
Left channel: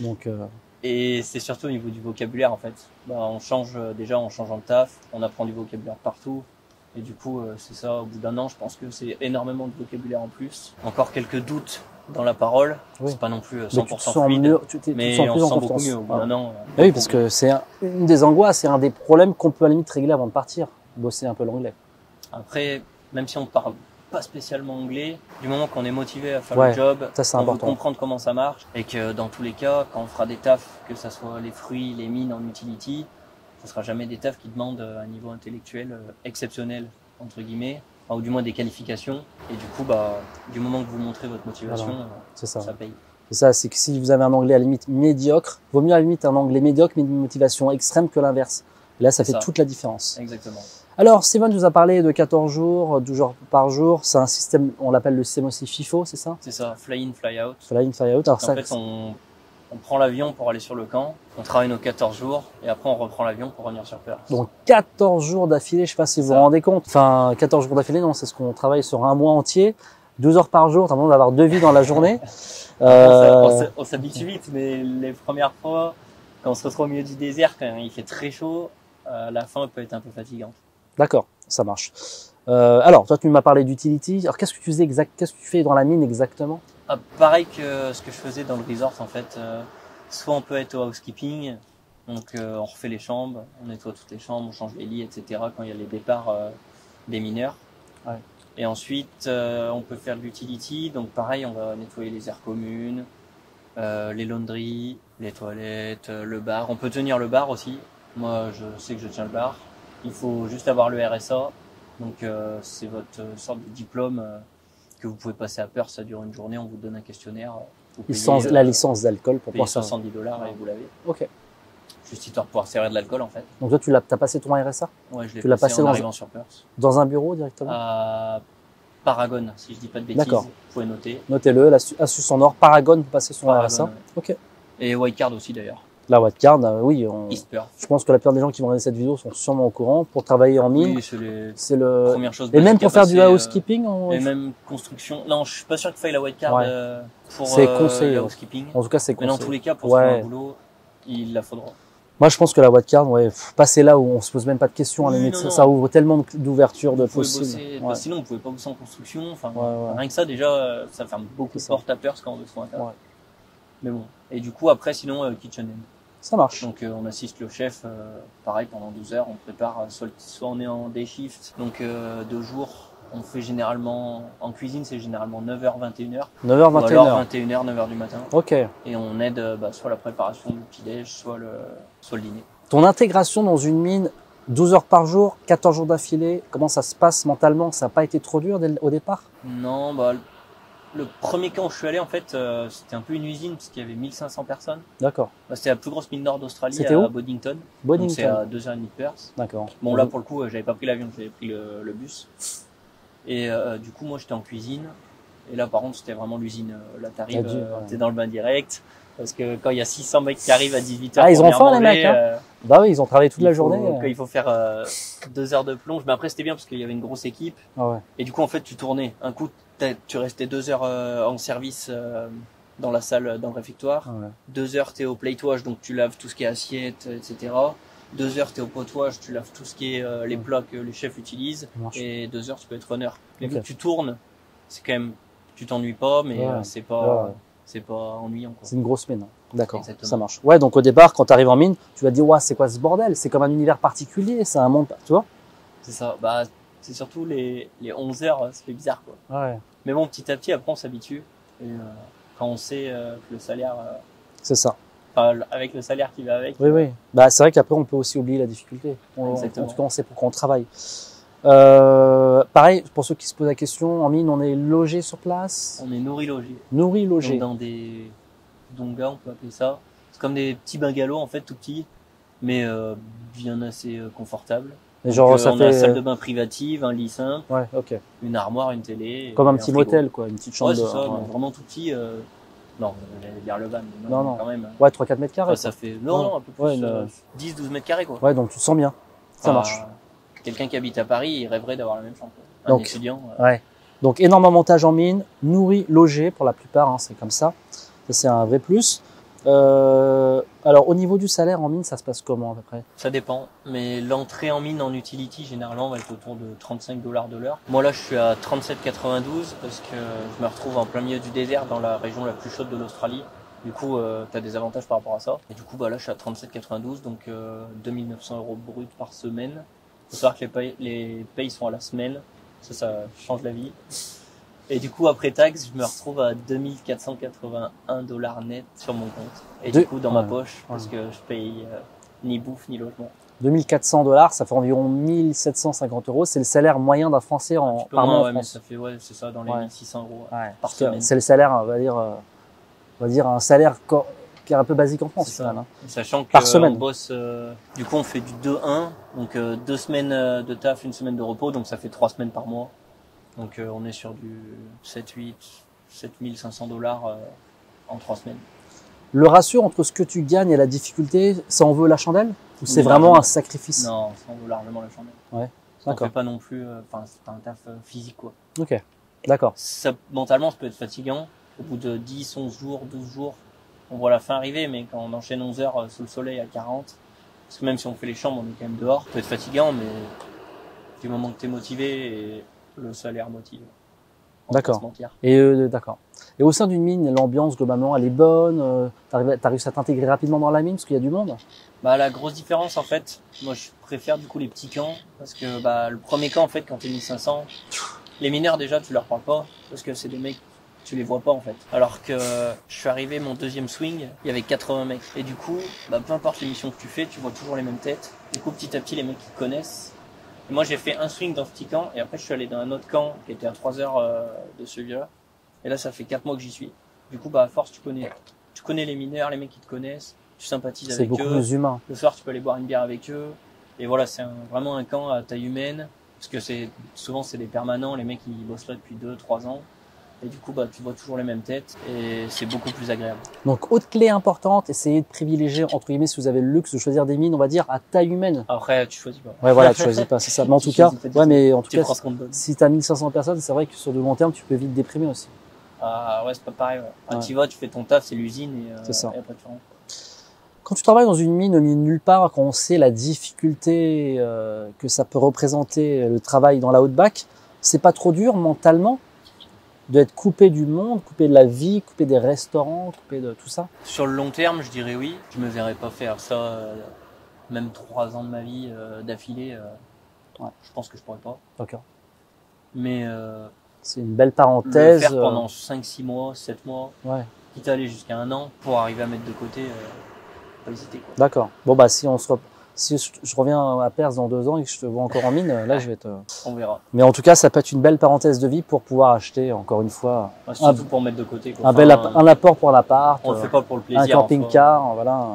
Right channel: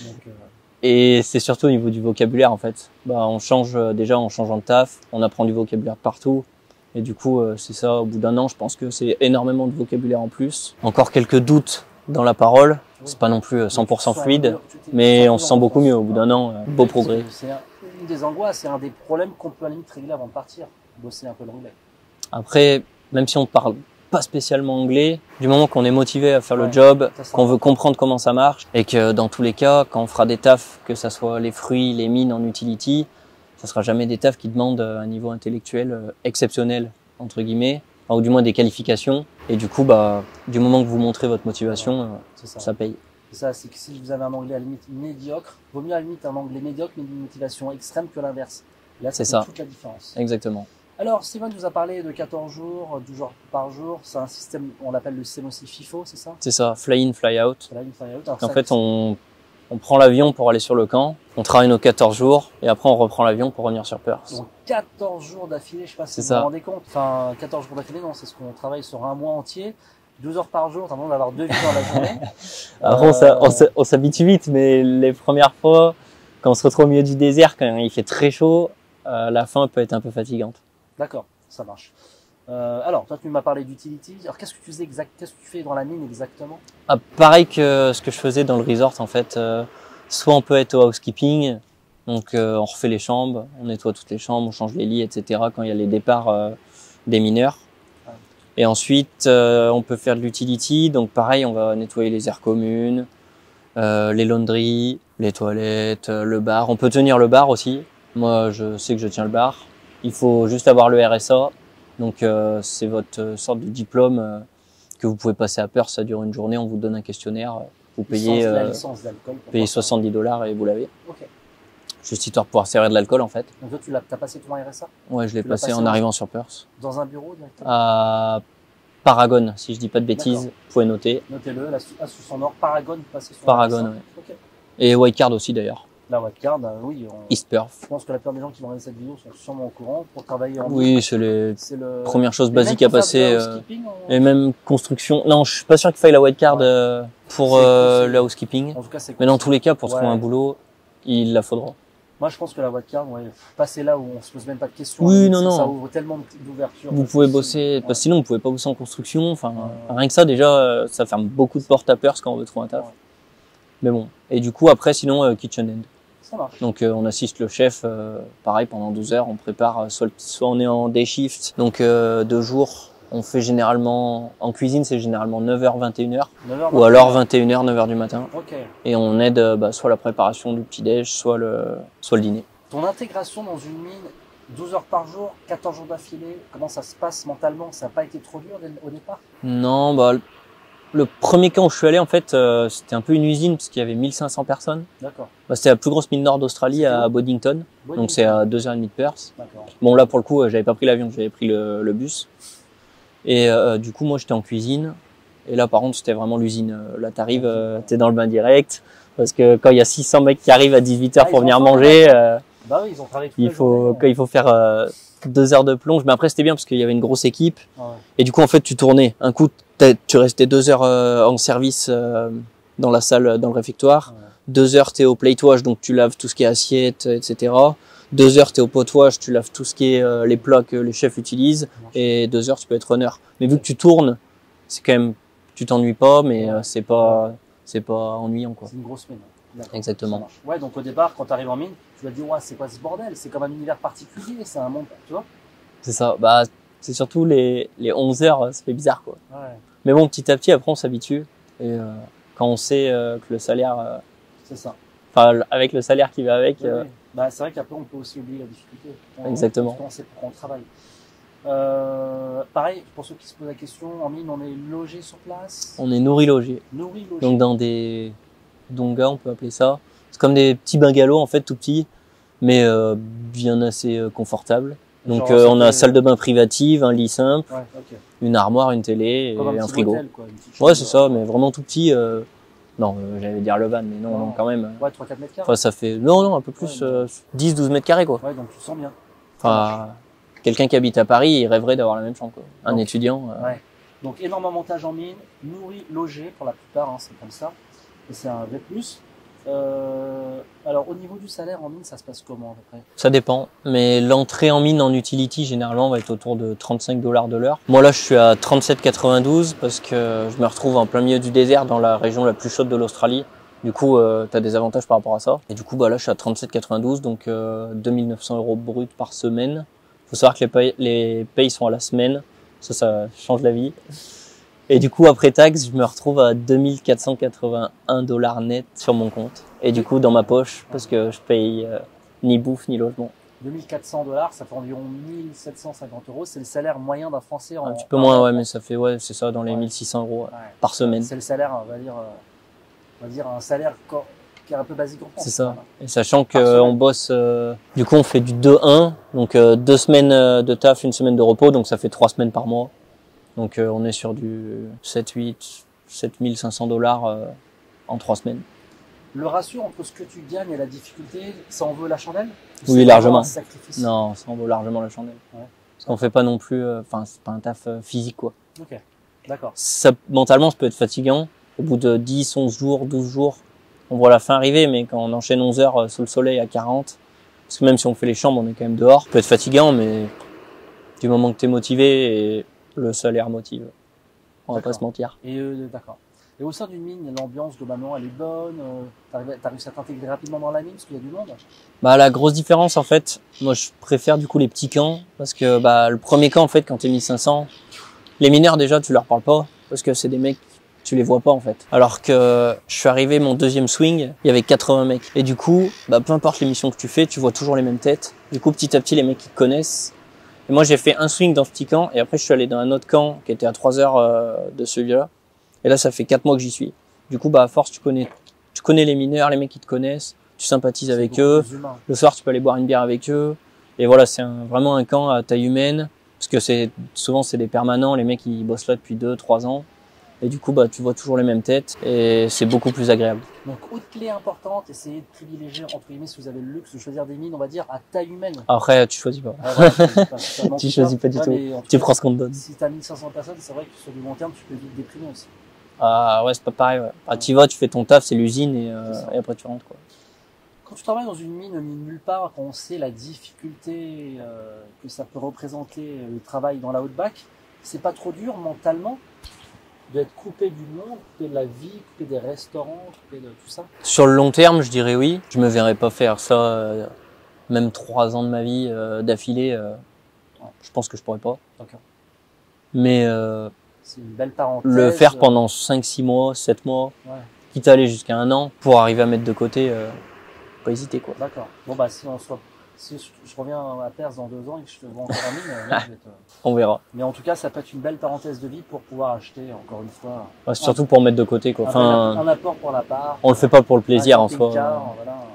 Donc, Et c'est surtout au niveau du vocabulaire, en fait. Bah, on change, déjà, en changeant de taf, on apprend du vocabulaire partout. Et du coup, c'est ça, au bout d'un an, je pense que c'est énormément de vocabulaire en plus. Encore quelques doutes dans la parole. Oui. C'est pas non plus Mais tu 100% te sens fluide, mieux, mais on se plus sent en beaucoup confiance. mieux au bout d'un an. Oui, parce que c'est une des angoisses, c'est un des problèmes qu'on peut à la limite régler avant de partir, bosser un peu l'anglais. Après, même si on parle pas spécialement anglais, du moment qu'on est motivé à faire Ouais, le job, ça, c'est qu'on veut important. comprendre comment ça marche, et que dans tous les cas, quand on fera des tafs, que ça soit les fruits, les mines en utility, ça sera jamais des tafs qui demandent un niveau intellectuel exceptionnel, entre guillemets, enfin, ou du moins des qualifications. Et du coup, bah, du moment que vous montrez votre motivation, C'est ça. ça paye. C'est ça, c'est que si vous avez un anglais à la limite médiocre, vaut mieux à la limite un anglais médiocre mais d'une motivation extrême que l'inverse. Là, ça C'est fait ça. toute la différence. Exactement. Alors, Steven nous a parlé de 14 jours, 12 jours par jour. C'est un système, on l'appelle le système aussi FIFO, c'est ça? C'est ça, fly in, fly out. Fly in, fly out. Alors, En ça, fait, on prend l'avion pour aller sur le camp, on travaille nos 14 jours, et après on reprend l'avion pour revenir sur Perth. donc 14 jours d'affilée, je sais pas si C'est vous ça. vous rendez compte. Enfin, 14 jours d'affilée, non, c'est ce qu'on travaille sur un mois entier. 12 heures par jour, t'as l'impression d'avoir 2 vies dans la journée. Après, on s'habitue vite, mais les premières fois, quand on se retrouve au milieu du désert, quand il fait très chaud, la fin peut être un peu fatigante. D'accord, ça marche. Alors, toi, tu m'as parlé d'utility. Alors, qu'est-ce que tu faisais qu'est-ce que tu fais dans la mine exactement? Ah, pareil que ce que je faisais dans le resort, en fait. Soit on peut être au housekeeping, donc on refait les chambres, on nettoie toutes les chambres, on change les lits, etc. quand il y a les départs des mineurs. Ouais. Et ensuite, on peut faire de l'utility, donc pareil, on va nettoyer les aires communes, les laundries, les toilettes, le bar. On peut tenir le bar aussi. Moi, je sais que je tiens le bar. Il faut juste avoir le RSA. Donc, c'est votre sorte de diplôme que vous pouvez passer à Perth. Ça dure une journée. On vous donne un questionnaire. Vous payez La licence d'alcool pour payez pouvoir faire- $70 et vous l'avez. Ok. Juste histoire de pouvoir servir de l'alcool, en fait. Donc toi, t'as passé ton RSA Ouais, je l'ai Tu l'as passé passé en dans arrivant sur Perth. dans un bureau directement? À Paragon, si je dis pas de bêtises. D'accord. Vous pouvez noter. Notez-le, Asus en or, Paragon, vous passez son Paragon, RSA. ouais. Ok. Et Wildcard aussi, d'ailleurs. La wildcard, oui, East Perth. je pense que la plupart des gens qui vont regarder cette vidéo sont sûrement au courant. Pour travailler en mine, Oui, c'est les c'est le... premières choses Et même basiques à pour faire passer. du housekeeping, Et même construction. Non, je suis pas sûr qu'il faille la wildcard Ouais. pour C'est conseillé. le housekeeping. en tout cas, c'est Mais dans conseillé. tous les cas, pour Ouais. trouver un boulot, il la faudra. Moi, je pense que la wildcard, passer là où on se pose même pas de questions, Oui, à la limite, non, ça non. ouvre tellement d'ouvertures. Vous de pouvez possibles. bosser, Ouais. parce que sinon vous pouvez pas bosser en construction. Enfin, Ouais. rien que ça déjà, ça ferme beaucoup de portes à Perth quand on veut trouver un taf. Ouais. Mais bon. Et du coup après, sinon kitchen end. Ça marche. Donc on assiste le chef, pareil pendant 12 heures, on prépare soit on est en day shift, donc 2 jours. On fait généralement en cuisine, c'est généralement 9h 21h 9h, ou alors 21h 9h du matin. Ok. Et on aide soit la préparation du petit-déj, soit le dîner. Ton intégration dans une mine, 12 heures par jour, 14 jours d'affilée, comment ça se passe mentalement? Ça n'a pas été trop dur au départ? Non, bah le premier camp où je suis allé en fait, c'était un peu une usine parce qu'il y avait 1500 personnes. D'accord. Bah, c'était la plus grosse mine nord d'Australie C'était à où Boddington. Boddington. Donc c'est à 2h30 de Perth. D'accord. Bon là pour le coup, j'avais pas pris l'avion, j'avais pris le bus. Et du coup moi j'étais en cuisine. Et là par contre c'était vraiment l'usine. Là t'arrives, t'es dans le bain direct. Parce que quand il y a 600 mecs qui arrivent à 18h Ah, ils pour ont venir faim, les manger, mecs, Bah oui, ils ont travaillé toute la journée. quand il faut faire 2 heures de plonge. Mais après c'était bien parce qu'il y avait une grosse équipe. Ah ouais. Et du coup en fait tu tournais. Un coup tu restais 2 heures en service dans la salle, dans le réfectoire. Ouais. 2 heures t'es au platewage, donc tu laves tout ce qui est assiette, etc. 2 heures t'es au potouage, tu laves tout ce qui est les plats que les chefs utilisent. Ça marche. Et 2 heures tu peux être runner. Mais vu Ok. que tu tournes, c'est quand même, tu t'ennuies pas, mais Ouais. c'est pas, Ouais. c'est pas ennuyant quoi. C'est une grosse mine. D'accord. Exactement. Ça marche. Ouais, donc au départ, quand tu arrives en mine, tu vas te dire, ouais, c'est quoi ce bordel? C'est comme un univers particulier, c'est un monde, tu vois? C'est ça. Bah c'est surtout les 11 heures, ça fait bizarre quoi. Ouais. Mais bon, petit à petit après on s'habitue. Et quand on sait que le salaire, C'est ça. enfin avec le salaire qui va avec. Oui, oui. Bah, c'est vrai qu'après, on peut aussi oublier la difficulté. Exactement. En tout cas, on sait pourquoi on travaille. Pareil, pour ceux qui se posent la question, en mine, on est logé sur place, On est nourri logé. nourri, logé. Donc dans des dongas, on peut appeler ça. C'est comme des petits bungalows en fait, tout petits, mais bien assez confortables. Donc Genre, ça on a fait, salle de bain privative, un lit simple, Ouais, ok. une armoire, une télé, Comme et un petit frigo. motel, quoi. Une petite chambre. Ouais, c'est ça, ouais. mais vraiment tout petit. Non, j'allais dire le van, mais non, Non, non. quand même. Ouais, 3-4 mètres carrés. Enfin, ça fait non, un peu plus, Ouais, mais- 10-12 mètres carrés quoi. Ouais, donc tu te sens bien. Ça Enfin, marche. quelqu'un qui habite à Paris, il rêverait d'avoir la même chambre quoi. Un Donc, étudiant. Ouais. Donc, énorme montage en mine, nourri, logé pour la plupart, hein, c'est comme ça. Ça, c'est un vrai plus. Alors, au niveau du salaire en mine, ça se passe comment à peu près? Ça dépend, mais l'entrée en mine en utility généralement va être autour de 35 $ de l'heure. Moi là je suis à 37,92 parce que je me retrouve en plein milieu du désert dans la région la plus chaude de l'Australie. Du coup tu as des avantages par rapport à ça. Et du coup là je suis à 37,92 donc 2900 € brut par semaine. Faut savoir que les payes sont à la semaine, ça change la vie. Et du coup après taxe je me retrouve à 2481 $ net sur mon compte. Et du coup dans ma poche parce que je paye ni bouffe ni logement. 2400 $, ça fait environ 1750 €. C'est le salaire moyen d'un Français Un petit peu moins, ouais, mais ça fait, ouais, c'est ça, dans les 1600 € par semaine. C'est le salaire, on va dire un salaire qui est un peu basique en France. C'est ça. Hein. Et sachant qu'on bosse, du coup, on fait du 2-1, donc 2 semaines de taf, 1 semaine de repos, donc ça fait 3 semaines par mois. Donc on est sur du 7500 $ en 3 semaines. Le ratio entre ce que tu gagnes et la difficulté, ça en vaut la chandelle? Ou Oui, c'est largement. vraiment un sacrifice? Non, ça en vaut largement la chandelle. Ouais. On fait pas non plus, enfin, c'est pas un taf physique, quoi. Ok. D'accord. Ça, mentalement, ça peut être fatigant. Au bout de 10, 11 jours, 12 jours, on voit la fin arriver, mais quand on enchaîne 11 heures sous le soleil à 40, parce que même si on fait les chambres, on est quand même dehors, ça peut être fatigant, mais du moment que t'es motivé, et le salaire motive. On va pas se mentir. Et d'accord. Et au sein d'une mine, l'ambiance globalement, elle est bonne. T'as réussi à t'intégrer rapidement dans la mine parce qu'il y a du monde. Bah la grosse différence en fait, moi je préfère du coup les petits camps parce que bah le premier camp en fait quand t'es 1500, les mineurs déjà tu leur parles pas parce que c'est des mecs tu les vois pas en fait. Alors que je suis arrivé mon deuxième swing, il y avait 80 mecs et du coup bah peu importe les missions que tu fais, tu vois toujours les mêmes têtes. Du coup petit à petit les mecs ils te connaissent. Et moi j'ai fait un swing dans ce petit camp et après je suis allé dans un autre camp qui était à 3 heures de celui-là. Et là, ça fait 4 mois que j'y suis. Du coup, bah, à force, tu connais les mineurs, les mecs qui te connaissent, tu sympathises avec eux. Plus humain. Le soir, tu peux aller boire une bière avec eux. Et voilà, c'est vraiment un camp à taille humaine. Parce que souvent, c'est des permanents. Les mecs, ils bossent là depuis 2-3 ans. Et du coup, bah, tu vois toujours les mêmes têtes. Et c'est beaucoup plus agréable. Donc, autre clé importante, essayez de privilégier, entre guillemets, si vous avez le luxe de choisir des mines, on va dire, à taille humaine. Après, tu choisis pas. Ouais, voilà, tu choisis pas, c'est ça. Mais en Tu tout cas, choisis pas du tout. mais en tout Tu cas, prends ce qu'on te donne. si t'as 1500 personnes, c'est vrai que sur le long terme, tu peux vite déprimer aussi. Ouais, c'est pas pareil, ouais. Ah, tu vas, tu fais ton taf, c'est l'usine et après tu rentres, quoi. Quand tu travailles dans une mine au milieu de nulle part, quand on sait la difficulté que ça peut représenter le travail dans la Outback, c'est pas trop dur mentalement d'être coupé du monde, coupé de la vie, coupé des restaurants, coupé de tout ça? Sur le long terme, je dirais oui. Je me verrais pas faire ça, même 3 ans de ma vie d'affilée. Je pense que je pourrais pas. D'accord. Mais c'est une belle parenthèse. Le faire pendant 5-6 mois, 7 mois, quitte à aller jusqu'à 1 an pour arriver à mettre de côté, pas hésiter, quoi. D'accord. Bon bah si je reviens à Perth dans 2 ans et que je te vois encore en mine, là je vais te... On verra. Mais en tout cas, ça peut être une belle parenthèse de vie pour pouvoir acheter encore une fois. Surtout pour mettre de côté, quoi. Un apport pour l'appart. On le fait pas pour le plaisir, un camping-car, voilà.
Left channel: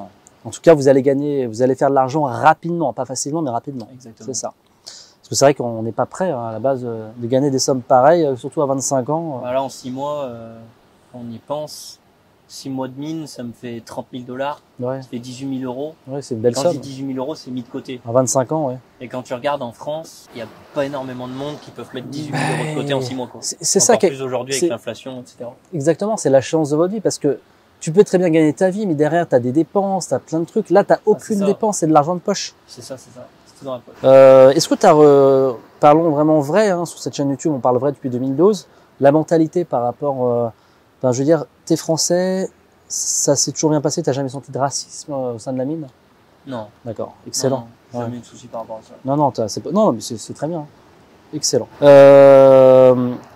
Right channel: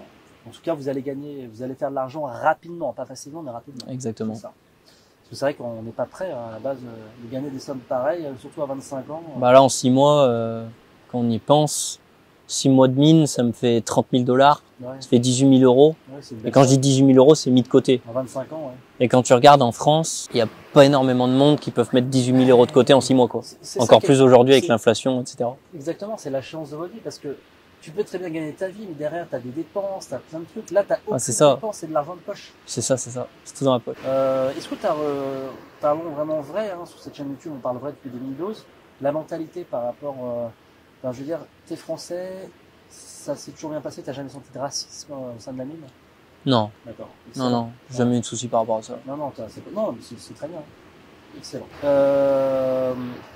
En tout cas, vous allez faire de l'argent rapidement, pas facilement, mais rapidement. Exactement. C'est ça. Parce que c'est vrai qu'on n'est pas prêt à la base de gagner des sommes pareilles, surtout à 25 ans. Bah là, en 6 mois, quand on y pense, 6 mois de mine, ça me fait 30 000 $. Ouais. Ça fait 18 000 €. Ouais, c'est une belle quand somme. je dis 18 000 € c'est mis de côté. À 25 ans, ouais. Et quand tu regardes en France, il y a pas énormément de monde qui peuvent mettre 18 000 € de côté en 6 mois, quoi. C'est encore ça plus aujourd'hui avec l'inflation, etc. Exactement, c'est la chance de votre vie parce que tu peux très bien gagner ta vie, mais derrière, tu as des dépenses, tu as plein de trucs. Là, tu n'as aucune dépense, c'est de l'argent de poche. C'est ça. C'est tout dans la poche. Est-ce que tu as, parlons vraiment vrai, hein, sur cette chaîne YouTube, on parle vrai depuis 2012, la mentalité par rapport, je veux dire, t'es français, ça s'est toujours bien passé, t'as jamais senti de racisme au sein de la mine? Non. D'accord, excellent. Non, jamais eu de soucis par rapport à ça. Non, mais c'est très bien. Excellent.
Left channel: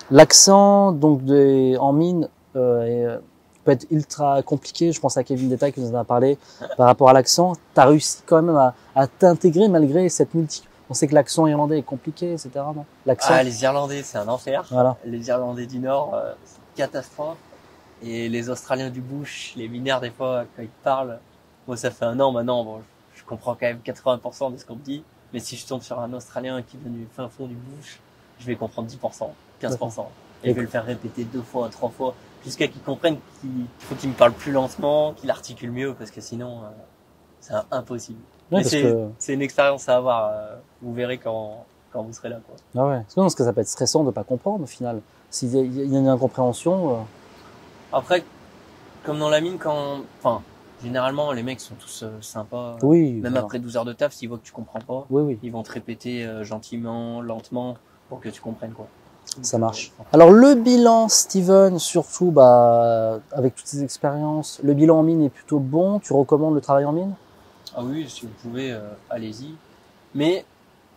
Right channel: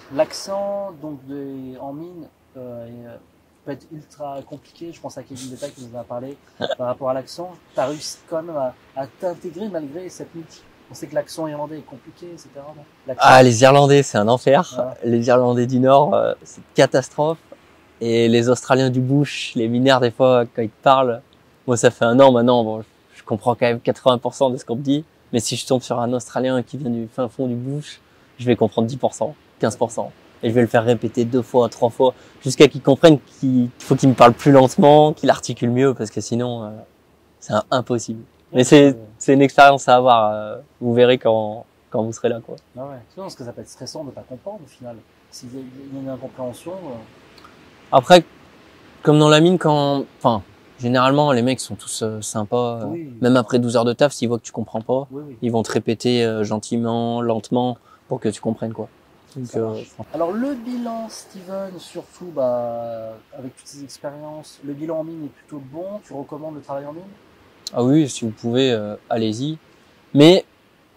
L'accent, donc, en mine, peut être ultra compliqué. Je pense à Kevin Détail qui nous en a parlé par rapport à l'accent. Tu as réussi quand même à t'intégrer malgré cette multi. On sait que l'accent irlandais est compliqué, etc. Non, les Irlandais, c'est un enfer. Voilà. Les Irlandais du Nord, c'est une catastrophe. Et les Australiens du bush, les mineurs, des fois, quand ils te parlent, moi, ça fait 1 an maintenant, bon, je comprends quand même 80% de ce qu'on me dit. Mais si je tombe sur un Australien qui vient du fin fond du bush, je vais comprendre 10%, 15%. Et je vais le faire répéter 2 fois, 3 fois, jusqu'à qu'il comprenne qu'il faut qu'il me parle plus lentement, qu'il articule mieux, parce que sinon, c'est impossible. Ouais, mais c'est une expérience à avoir. Vous verrez quand vous serez là, quoi. Ah ouais. Parce que ça peut être stressant de pas comprendre, au final. S'il y a une incompréhension. Après, comme dans la mine, généralement, les mecs sont tous sympas. Oui. Même après 12 heures de taf, s'ils voient que tu comprends pas, Oui, oui. ils vont te répéter gentiment, lentement, pour que tu comprennes quoi. Ça Donc, marche. Alors le bilan, Steven, surtout avec toutes ces expériences, le bilan en mine est plutôt bon. Tu recommandes le travail en mine? Ah oui, si vous pouvez, allez-y. Mais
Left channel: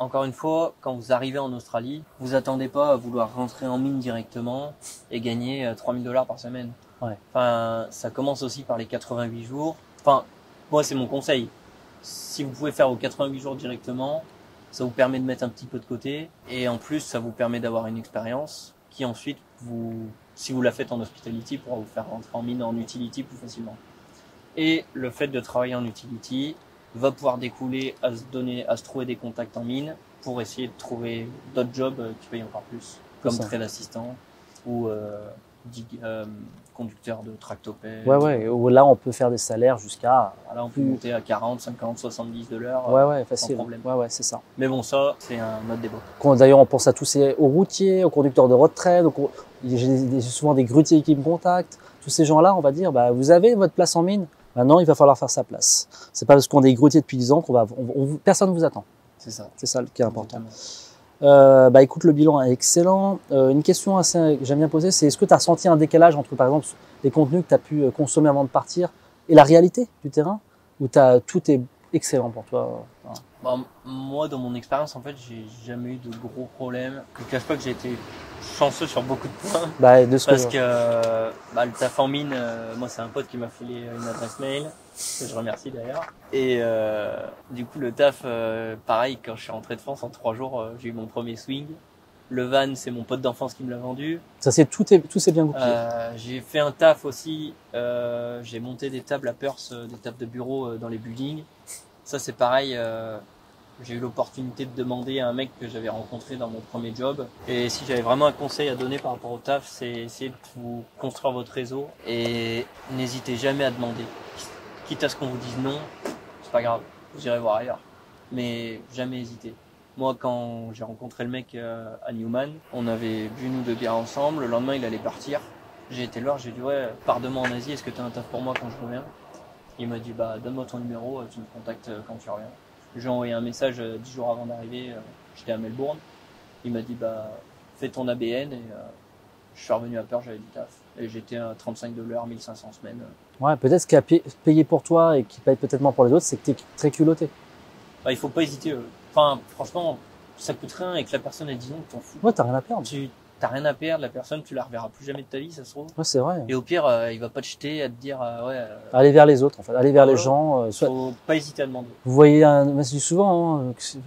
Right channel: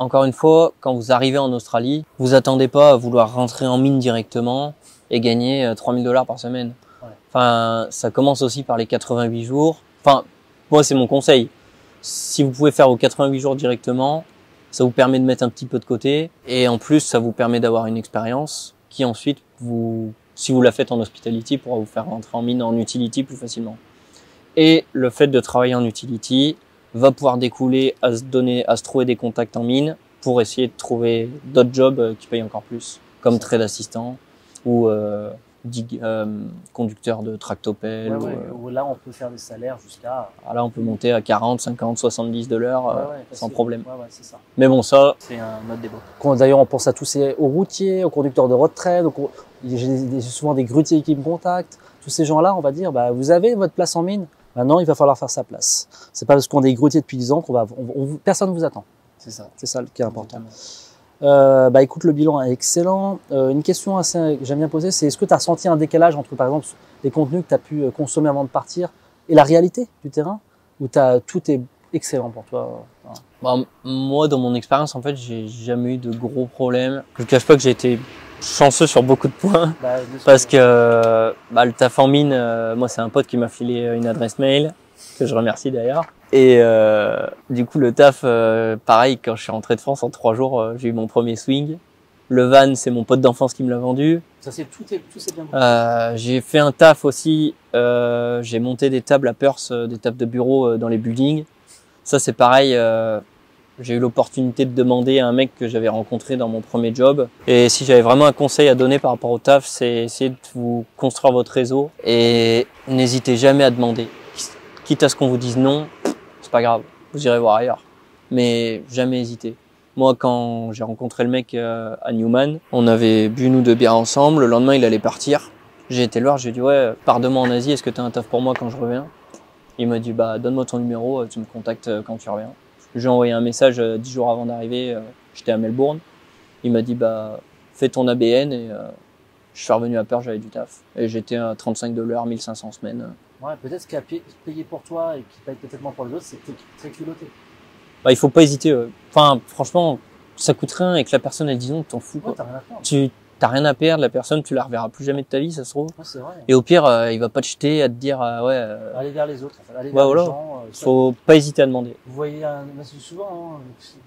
encore une fois, quand vous arrivez en Australie, vous attendez pas à vouloir rentrer en mine directement et gagner 3 000 $ par semaine. Ouais. Enfin, ça commence aussi par les 88 jours. Enfin, moi, c'est mon conseil. Si vous pouvez faire vos 88 jours directement, ça vous permet de mettre un petit peu de côté. Et en plus, ça vous permet d'avoir une expérience qui ensuite, si vous la faites en hospitality, pourra vous faire rentrer en mine en utility plus facilement. Et le fait de travailler en utility va pouvoir découler à se trouver des contacts en mine pour essayer de trouver d'autres jobs qui payent encore plus, comme trade assistant ou conducteur de tractopelle. Où là, on peut faire des salaires jusqu'à... Là, on peut monter à 40, 50, 70 $ sans problème. Ouais, c'est ça. Mais bon, ça, c'est un autre débat. D'ailleurs, on pense à tous aux routiers, aux conducteurs de retrait. Donc, j'ai souvent des grutiers qui me contactent. Tous ces gens-là, on va dire, vous avez votre place en mine. Maintenant, il va falloir faire sa place. C'est pas parce qu'on est grutier depuis 10 ans personne ne vous attend. C'est ça. C'est ça qui est important. Exactement. Écoute, le bilan est excellent. Une question que j'aime bien poser, c'est est-ce que tu as ressenti un décalage entre, par exemple, les contenus que tu as pu consommer avant de partir et la réalité du terrain, où tout est excellent pour toi? Moi, dans mon expérience, en fait, j'ai jamais eu de gros problèmes. Je ne cache pas que j'ai été chanceux sur beaucoup de points. Parce que le taf en mine, moi, c'est un pote qui m'a filé une adresse mail, que je remercie d'ailleurs. Et du coup, le taf, pareil, quand je suis rentré de France, en 3 jours, j'ai eu mon premier swing. Le van, c'est mon pote d'enfance qui me l'a vendu. Tout s'est bien goûté. J'ai fait un taf aussi. J'ai monté des tables à Perth, des tables de bureau dans les buildings. Ça, c'est pareil. J'ai eu l'opportunité de demander à un mec que j'avais rencontré dans mon premier job. Et si j'avais vraiment un conseil à donner par rapport au taf, c'est essayer de vous construire votre réseau et n'hésitez jamais à demander. Quitte à ce qu'on vous dise non, c'est pas grave, vous irez voir ailleurs. Mais jamais hésiter. Moi, quand j'ai rencontré le mec à Newman, on avait bu nous 2 bières ensemble. Le lendemain, il allait partir. J'ai été le voir, j'ai dit ouais, pars demain en Asie, est-ce que t'as un taf pour moi quand je reviens? Il m'a dit donne-moi ton numéro, tu me contactes quand tu reviens. J'ai envoyé un message 10 jours avant d'arriver, j'étais à Melbourne. Il m'a dit fais ton ABN et je suis revenu à Perth, j'avais du taf. Et j'étais à 35 $, 1500 semaines. Ouais, peut-être ce qui a payé pour toi et qui paye peut-être moins pour les autres, c'est que tu es très culotté. Il faut pas hésiter. Enfin, franchement, ça coûte rien et que la personne elle dit non, t'en fous. Ouais, t'as rien à perdre. T'as rien à perdre, la personne, tu la reverras plus jamais de ta vie, ça se trouve. Ouais, c'est vrai. Et au pire, il va pas te jeter à te dire aller vers les autres, en fait. Aller vers les gens. Faut pas hésiter à demander. Vous voyez, mais c'est souvent,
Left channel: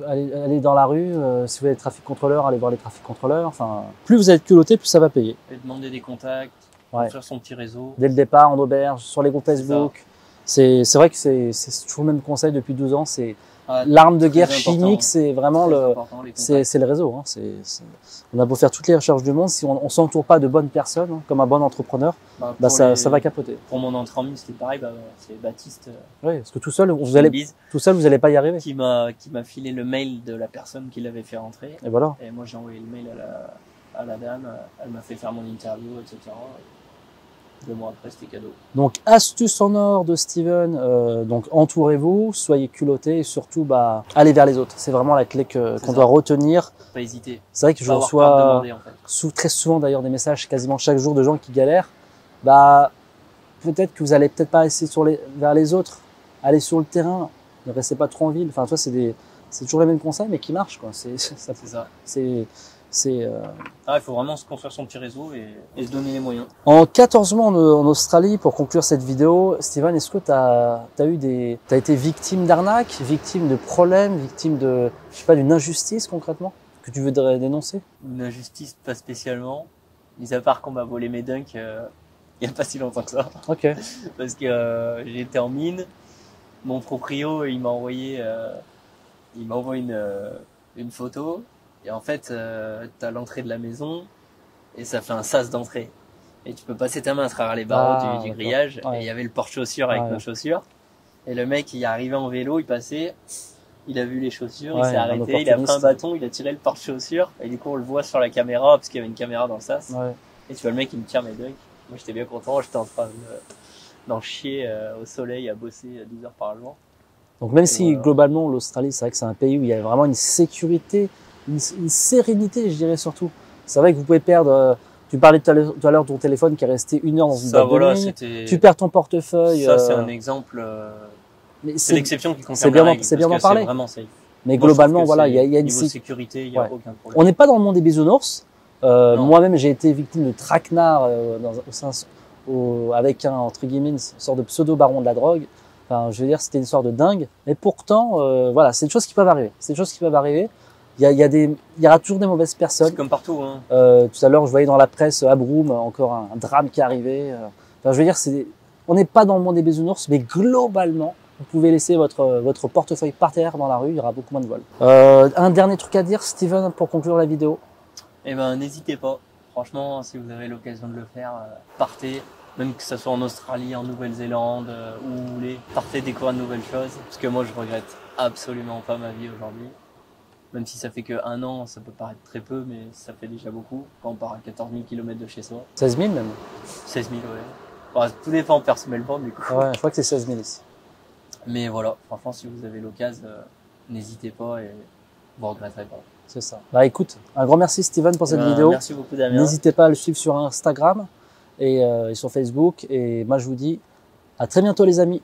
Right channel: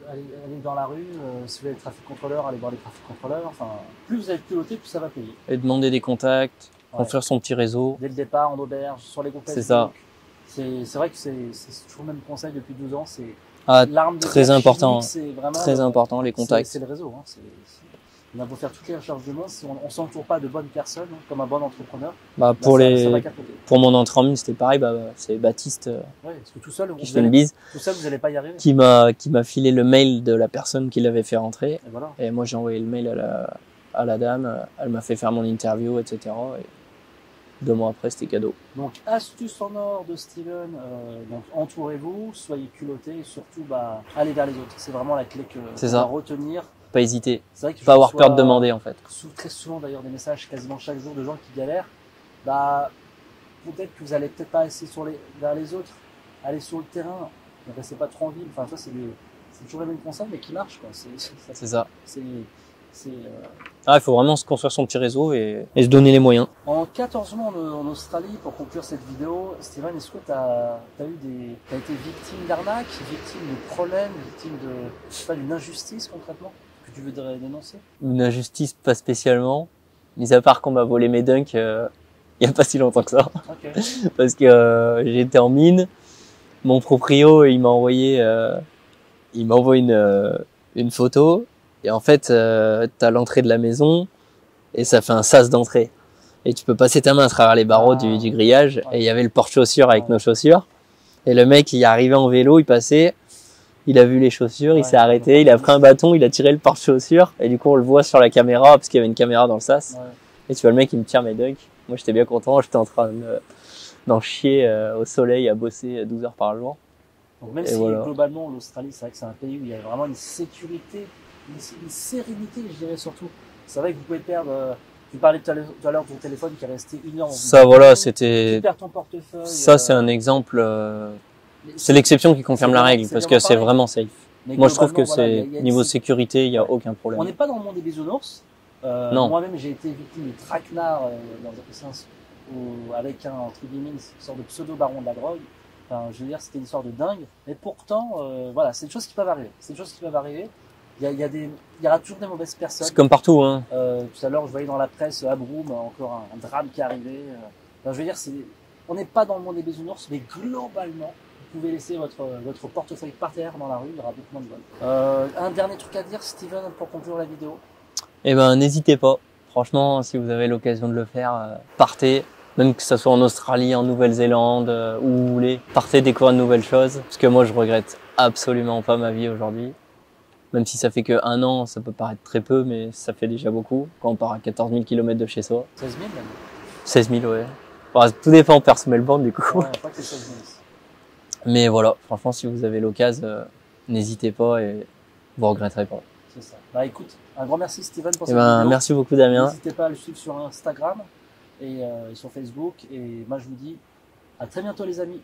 aller dans la rue, si vous avez des trafic contrôleurs, allez voir les trafic contrôleurs. Enfin, plus vous êtes culotté, plus ça va payer. Et demander des contacts, construire son petit réseau. Dès le départ, en auberge, sur les groupes Facebook. C'est vrai que c'est toujours le même conseil depuis 12 ans, c'est l'arme de guerre chimique, c'est vraiment très important, les contacts. C'est le réseau. On a beau faire toutes les recherches du monde, si on s'entoure pas de bonnes personnes, comme un bon entrepreneur, ça va capoter. Pour mon entrée en mine, c'était pareil, c'est Baptiste. Oui, parce que tout seul, vous allez pas y arriver. Qui m'a filé le mail de la personne qui l'avait fait rentrer. Et voilà. Et moi, j'ai envoyé le mail à la dame, elle m'a fait faire mon interview, etc. Et 2 mois après, c'était cadeau. Donc, astuce en or de Steven, donc entourez-vous, soyez culottés et surtout, allez vers les autres. C'est vraiment la clé qu'on doit retenir. Pas hésiter. C'est vrai que je reçois peur de demander, en fait. Très souvent d'ailleurs des messages quasiment chaque jour de gens qui galèrent. Peut-être que vous allez peut-être pas essayer vers les autres. Allez sur le terrain, ne restez pas trop en ville. Enfin, toi, c'est toujours les mêmes conseils, mais qui marchent, quoi. C'est ça. Il faut vraiment se construire son petit réseau et se donner les moyens. En 14 mois en Australie, pour conclure cette vidéo, Steven, est-ce que t'as été victime d'arnaque, victime de problèmes, victime d'une injustice concrètement que tu voudrais dénoncer? Une injustice, pas spécialement. Mis à part qu'on m'a volé mes dunks il y a pas si longtemps que ça. Ok. Parce que j'étais en mine. Mon proprio, il m'a envoyé une photo. Et en fait, t'as l'entrée de la maison et ça fait un sas d'entrée. Et tu peux passer ta main à travers les barreaux du grillage. Ouais. Et il y avait le porte-chaussures avec nos chaussures. Et le mec, il est arrivé en vélo, il passait, il a vu les chaussures, il s'est arrêté, il a pris un bâton, il a tiré le porte-chaussures. Et du coup, on le voit sur la caméra parce qu'il y avait une caméra dans le sas. Ouais. Et tu vois le mec, il me tire mes dunks. Moi, j'étais bien content, j'étais en train d'en chier au soleil à bosser 12 heures par jour. Donc même Et si voilà. globalement l'Australie, c'est vrai que c'est un pays où il y a vraiment une sécurité, une sérénité, je dirais surtout. C'est vrai que vous pouvez perdre. Tu parlais tout à l'heure de ton téléphone qui est resté 1 heure dans une Ça, boîte de voilà, nuit. Tu c'était. perds ton portefeuille. Ça, c'est un exemple. Mais C'est l'exception qui confirme c'est la bien règle c'est parce bien que d'en c'est parler. vraiment safe. Mais Moi, je trouve globalement, que voilà, il y a une niveau sécurité, il y a Ouais. aucun problème. On n'est pas dans le monde des bisounours. Non. Moi-même, j'ai été victime de traquenard avec un, entre guillemets, une sorte de pseudo-baron de la drogue. Enfin, je veux dire, c'était une sorte de dingue. Mais pourtant, voilà, c'est des choses qui peuvent arriver. C'est des choses qui peuvent arriver. Il y aura toujours des mauvaises personnes. C'est comme partout, hein. Tout à l'heure, je voyais dans la presse à Broome encore un drame qui arrivait. Enfin, je veux dire, on n'est pas dans le monde des bisounours, mais globalement, vous pouvez laisser votre portefeuille par terre dans la rue, il y aura beaucoup moins de vols. Un dernier truc à dire, Steven, pour conclure la vidéo. Eh ben, n'hésitez pas. Franchement, si vous avez l'occasion de le faire, partez. Même que ce soit en Australie, en Nouvelle-Zélande, où vous voulez. Partez découvrir de nouvelles choses. Parce que moi, je regrette absolument pas ma vie aujourd'hui. Même si ça fait que 1 an, ça peut paraître très peu, mais ça fait déjà beaucoup. Quand on part à 14 000 km de chez soi. 16 000 même. 16 000, ouais. Enfin, tout dépend personnellement, du coup. Ouais, je crois que c'est 16 000 ici. Mais voilà, franchement, si vous avez l'occasion, n'hésitez pas et vous regretterez pas. C'est ça. Bah écoute, un grand merci Steven pour Eh cette ben, vidéo. merci beaucoup, Damien. N'hésitez pas à le suivre sur Instagram et sur Facebook. Et moi je vous dis à très bientôt les amis.